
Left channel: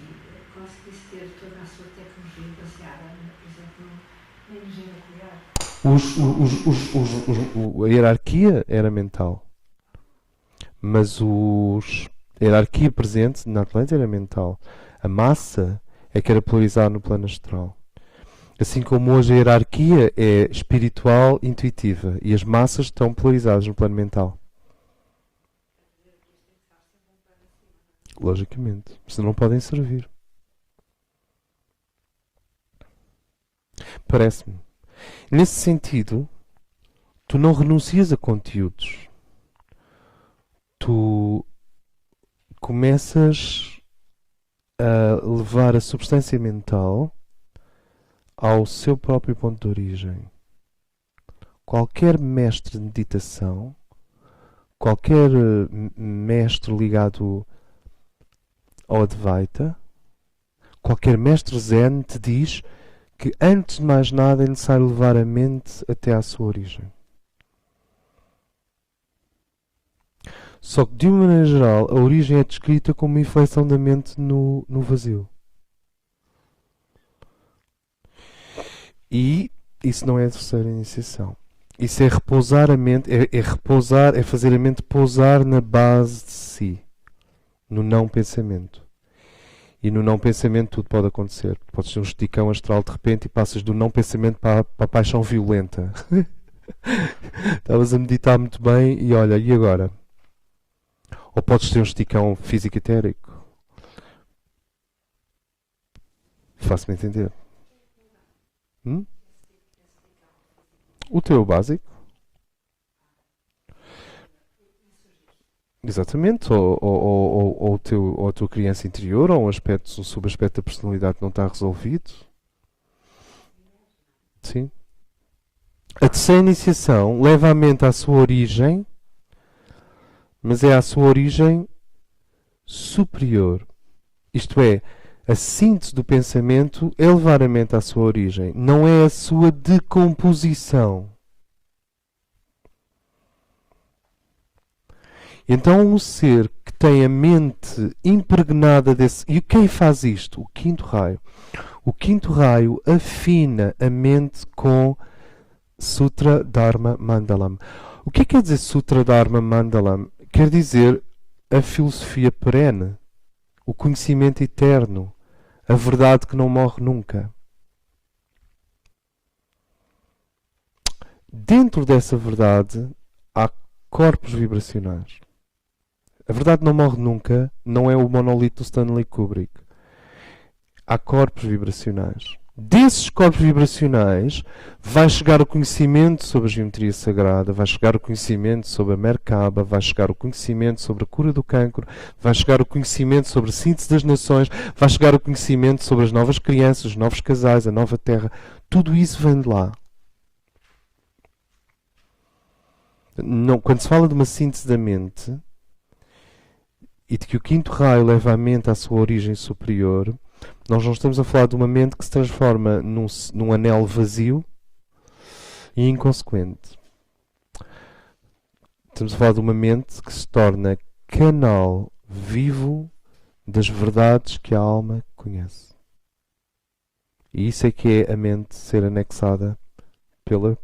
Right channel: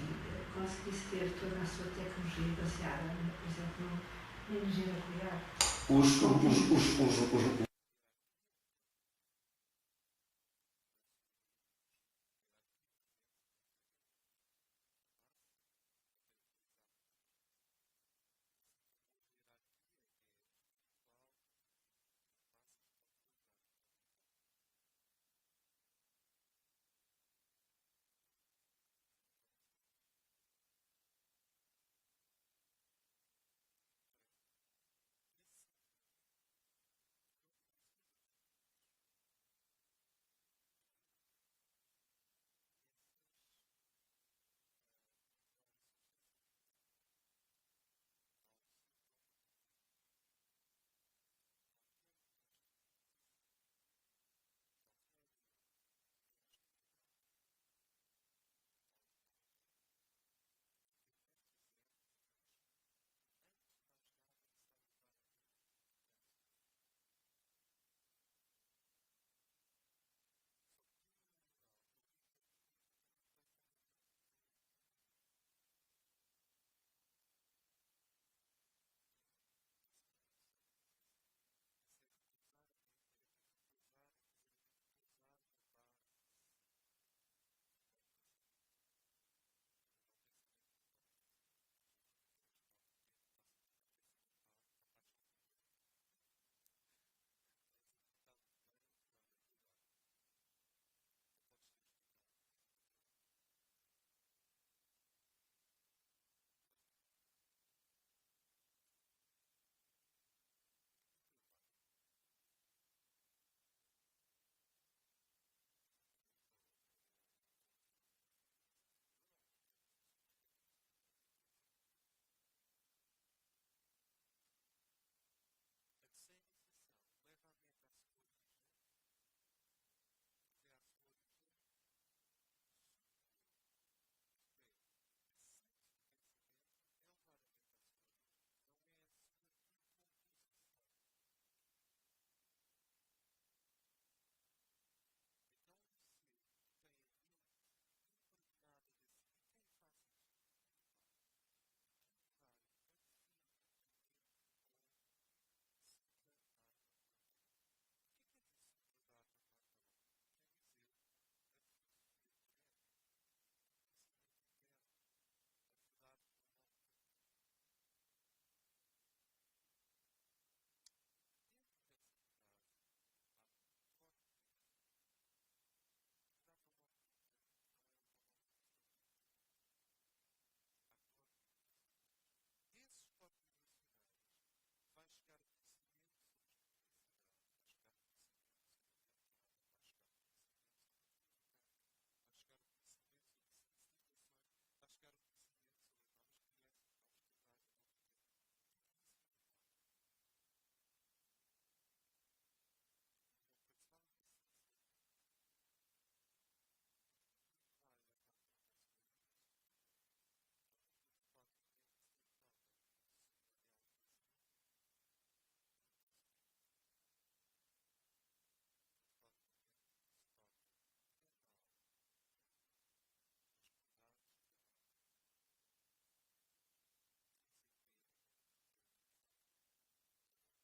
conseguisse ter toda a sua tecnologia baseada, por exemplo, na energia nuclear. A hierarquia era mental, mas a hierarquia presente na Atlântida era mental. A massa é que era polarizada no plano astral. Assim como hoje a hierarquia é espiritual, intuitiva, e as massas estão polarizadas no plano mental. Logicamente. Senão não podem servir. Parece-me. Nesse sentido, tu não renuncias a conteúdos. Tu começas a levar a substância mental ao seu próprio ponto de origem. Qualquer mestre de meditação, qualquer mestre ligado ao Advaita, qualquer mestre Zen te diz que antes de mais nada é necessário levar a mente até à sua origem. Só que, de uma maneira geral, a origem é descrita como uma inflexão da mente no vazio. E isso não é a terceira iniciação. Isso é repousar a mente, é fazer a mente pousar na base de si, no não pensamento. E no não pensamento tudo pode acontecer. Podes ter um esticão astral de repente e passas do não pensamento para a paixão violenta. Estavas a meditar muito bem e olha, e agora? Ou podes ter um esticão físico etérico. Faço-me entender. O teu básico. Exatamente. Ou a tua criança interior, ou um subaspecto da personalidade que não está resolvido. Sim. A terceira iniciação leva a mente à sua origem, mas é à sua origem superior. Isto é, A síntese do pensamento é levar a mente à sua origem, não é a sua decomposição. Então um ser que tem a mente impregnada desse... E quem faz isto? O quinto raio. O quinto raio afina a mente com Sutra Dharma Mandalam. O que quer dizer Sutra Dharma Mandalam? Quer dizer a filosofia perene, o conhecimento eterno, a verdade que não morre nunca. Dentro dessa verdade há corpos vibracionais. A verdade não morre nunca, não é o monolito do Stanley Kubrick. Há corpos vibracionais. Desses corpos vibracionais vai chegar o conhecimento sobre a geometria sagrada, vai chegar o conhecimento sobre a Merkaba, vai chegar o conhecimento sobre a cura do cancro, vai chegar o conhecimento sobre a síntese das nações, vai chegar o conhecimento sobre as novas crianças, os novos casais, a nova terra. Tudo isso vem de lá. Não, quando se fala de uma síntese da mente e de que o quinto raio leva a mente à sua origem superior, nós não estamos a falar de uma mente que se transforma num anel vazio e inconsequente. Estamos a falar de uma mente que se torna canal vivo das verdades que a alma conhece. E isso é que é a mente ser anexada pela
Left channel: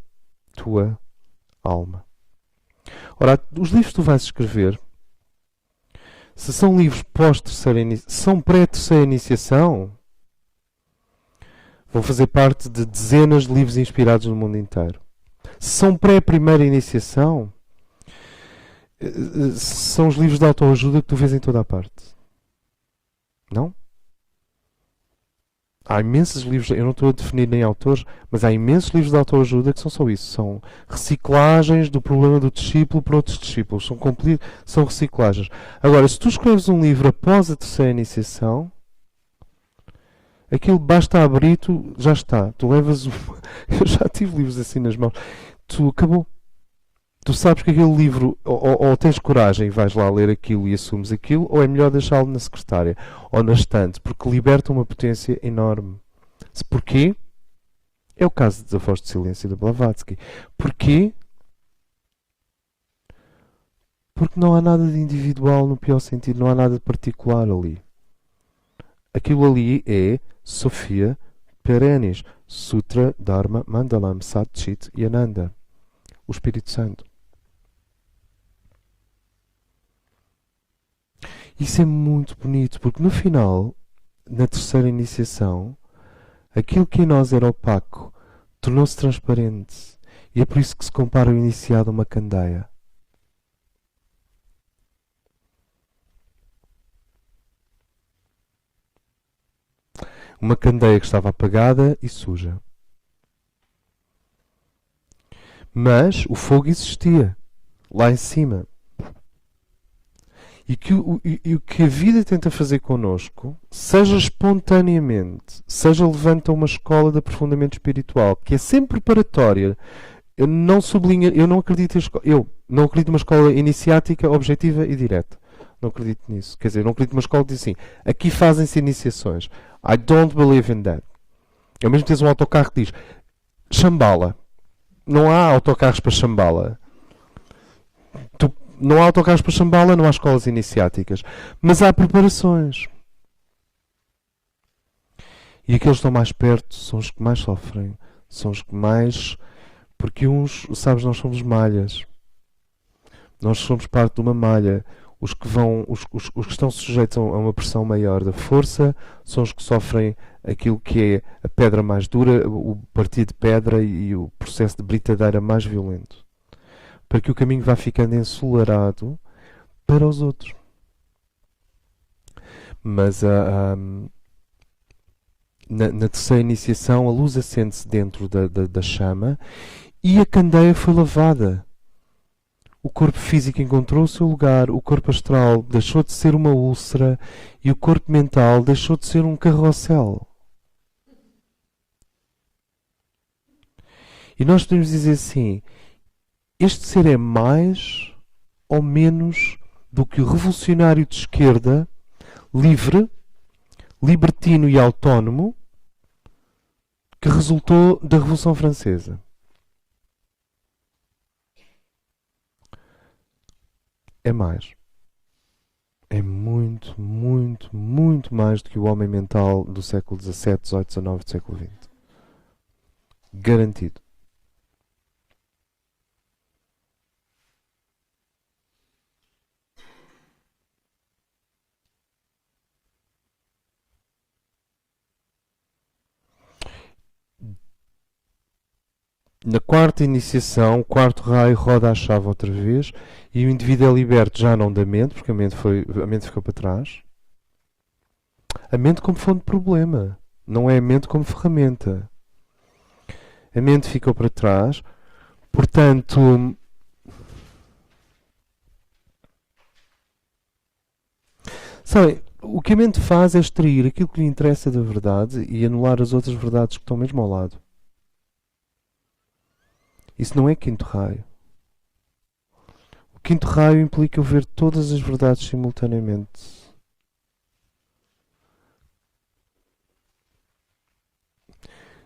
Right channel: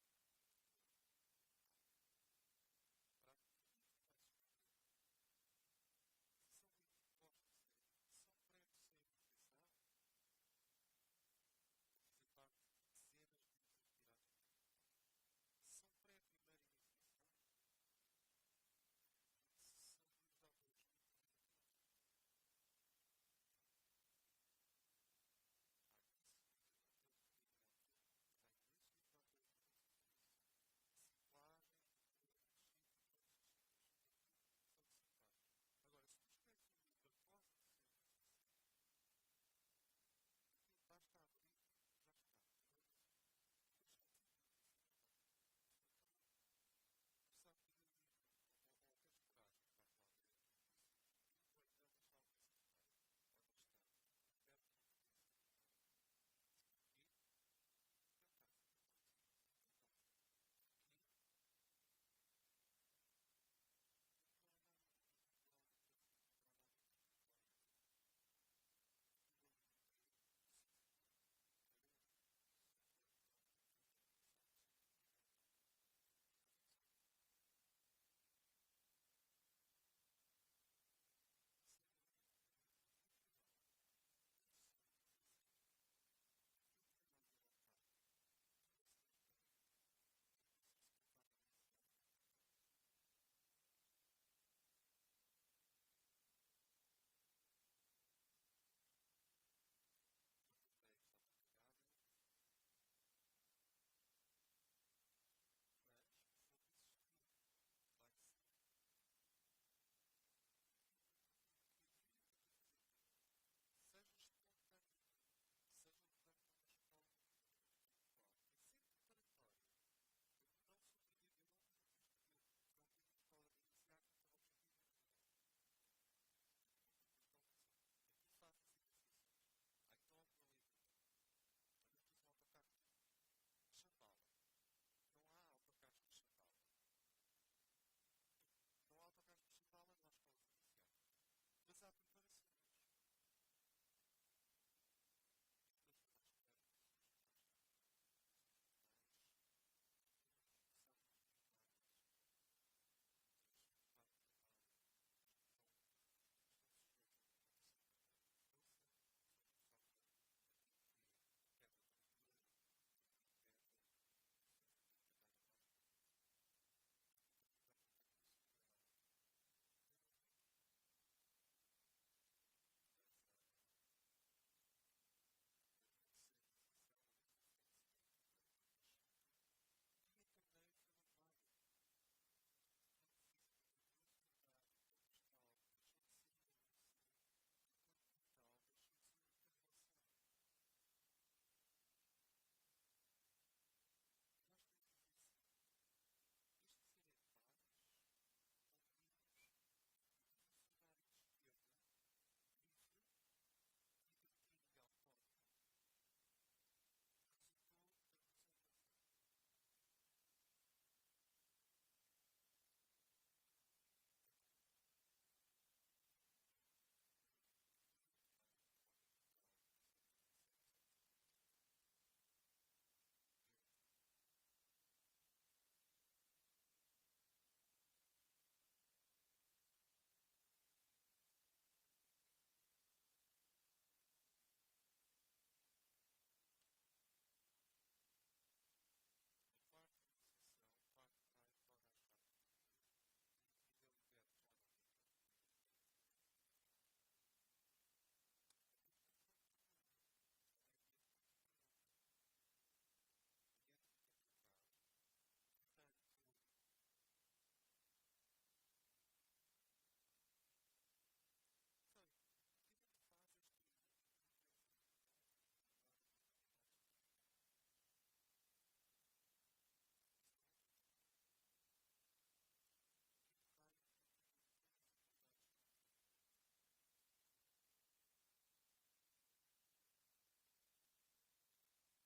tua alma. Ora, os livros que tu vais escrever, se são livros são pré-terceira iniciação, vão fazer parte de dezenas de livros inspirados no mundo inteiro. Se são pré-primeira iniciação, são os livros de autoajuda que tu vês em toda a parte. Não? Há imensos livros, eu não estou a definir nem autores, mas há imensos livros de autoajuda que são só isso. São reciclagens do problema do discípulo para outros discípulos. São reciclagens. Agora, se tu escreves um livro após a terceira iniciação, aquilo basta abrir, tu já está. Tu levas Eu já tive livros assim nas mãos. Tu acabou. Tu sabes que aquele livro, ou tens coragem e vais lá ler aquilo e assumes aquilo, ou é melhor deixá-lo na secretária ou na estante, porque liberta uma potência enorme. Porquê? É o caso de Desafios de Silêncio de Blavatsky. Porquê? Porque não há nada de individual no pior sentido, não há nada de particular ali. Aquilo ali é Sofia Perennis, Sutra Dharma Mandalam, Sat Chit e Ananda, o Espírito Santo. Isso é muito bonito, porque no final, na terceira iniciação, aquilo que em nós era opaco tornou-se transparente. E é por isso que se compara o iniciado a uma candeia. Uma candeia que estava apagada e suja. Mas o fogo existia, lá em cima. E o que a vida tenta fazer connosco, seja espontaneamente, seja levanta uma escola de aprofundamento espiritual, que é sempre preparatória. Eu não acredito numa escola iniciática, objetiva e direta. Não acredito nisso. Quer dizer, não acredito numa escola que diz assim, aqui fazem-se iniciações. I don't believe in that. É o mesmo que tens um autocarro que diz Shambhala. Não há autocarros para Shambhala. Não há autocarros para Shambhala, não há escolas iniciáticas. Mas há preparações. E aqueles que estão mais perto são os que mais sofrem. São os que mais... Porque uns, sabes, nós somos malhas. Nós somos parte de uma malha. Os que estão sujeitos a uma pressão maior da força são os que sofrem aquilo que é a pedra mais dura, o partir de pedra e o processo de britadeira mais violento. Para que o caminho vá ficando ensolarado para os outros. Mas na terceira iniciação a luz acende-se dentro da chama e a candeia foi lavada. O corpo físico encontrou o seu lugar, o corpo astral deixou de ser uma úlcera e o corpo mental deixou de ser um carrossel. E nós podemos dizer assim, este ser é mais ou menos do que o revolucionário de esquerda, livre, libertino e autónomo que resultou da Revolução Francesa. É mais. É muito, muito, muito mais do que o homem mental do século XVII, XVIII, XIX, do século XX. Garantido. Na quarta iniciação, o quarto raio roda a chave outra vez e o indivíduo é liberto já não da mente, porque a mente ficou para trás. A mente como fonte de problema, não é a mente como ferramenta. A mente ficou para trás, portanto, sabem, o que a mente faz é extrair aquilo que lhe interessa da verdade e anular as outras verdades que estão mesmo ao lado. Isso não é quinto raio. O quinto raio implica eu ver todas as verdades simultaneamente.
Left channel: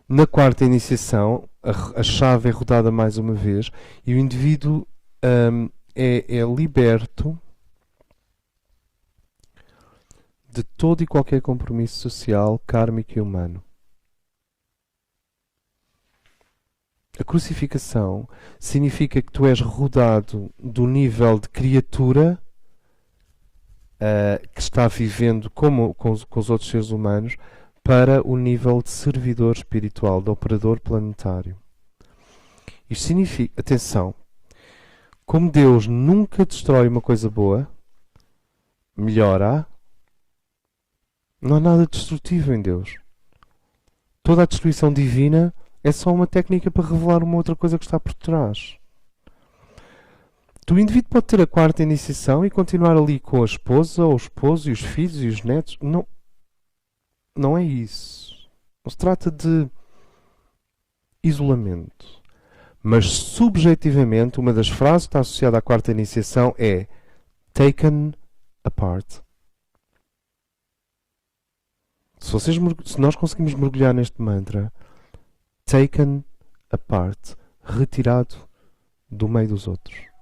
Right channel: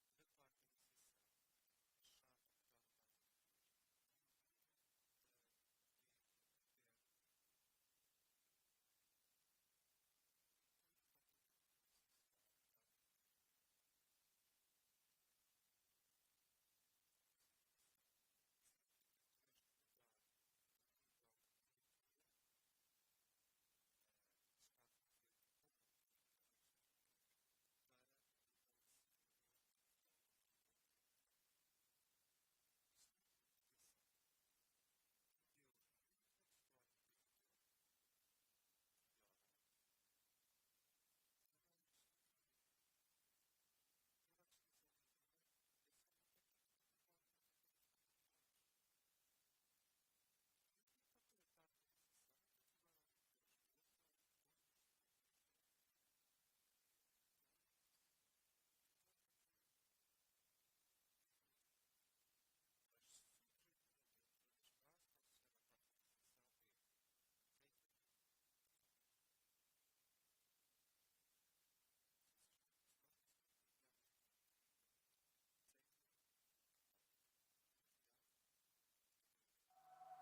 Na quarta iniciação, a chave é rodada mais uma vez e o indivíduo é liberto de todo e qualquer compromisso social, kármico e humano. A crucificação significa que tu és rodado do nível de criatura que está vivendo como com os outros seres humanos para o nível de servidor espiritual, de operador planetário. Isto significa, atenção, como Deus nunca destrói uma coisa boa, melhora, não há nada destrutivo em Deus. Toda a destruição divina é só uma técnica para revelar uma outra coisa que está por trás. O indivíduo pode ter a quarta iniciação e continuar ali com a esposa, ou o esposo, e os filhos e os netos. Não, não é isso. Não se trata de isolamento. Mas, subjetivamente, uma das frases que está associada à quarta iniciação é taken apart. Se nós conseguimos mergulhar neste mantra, taken apart, retirado do meio dos outros.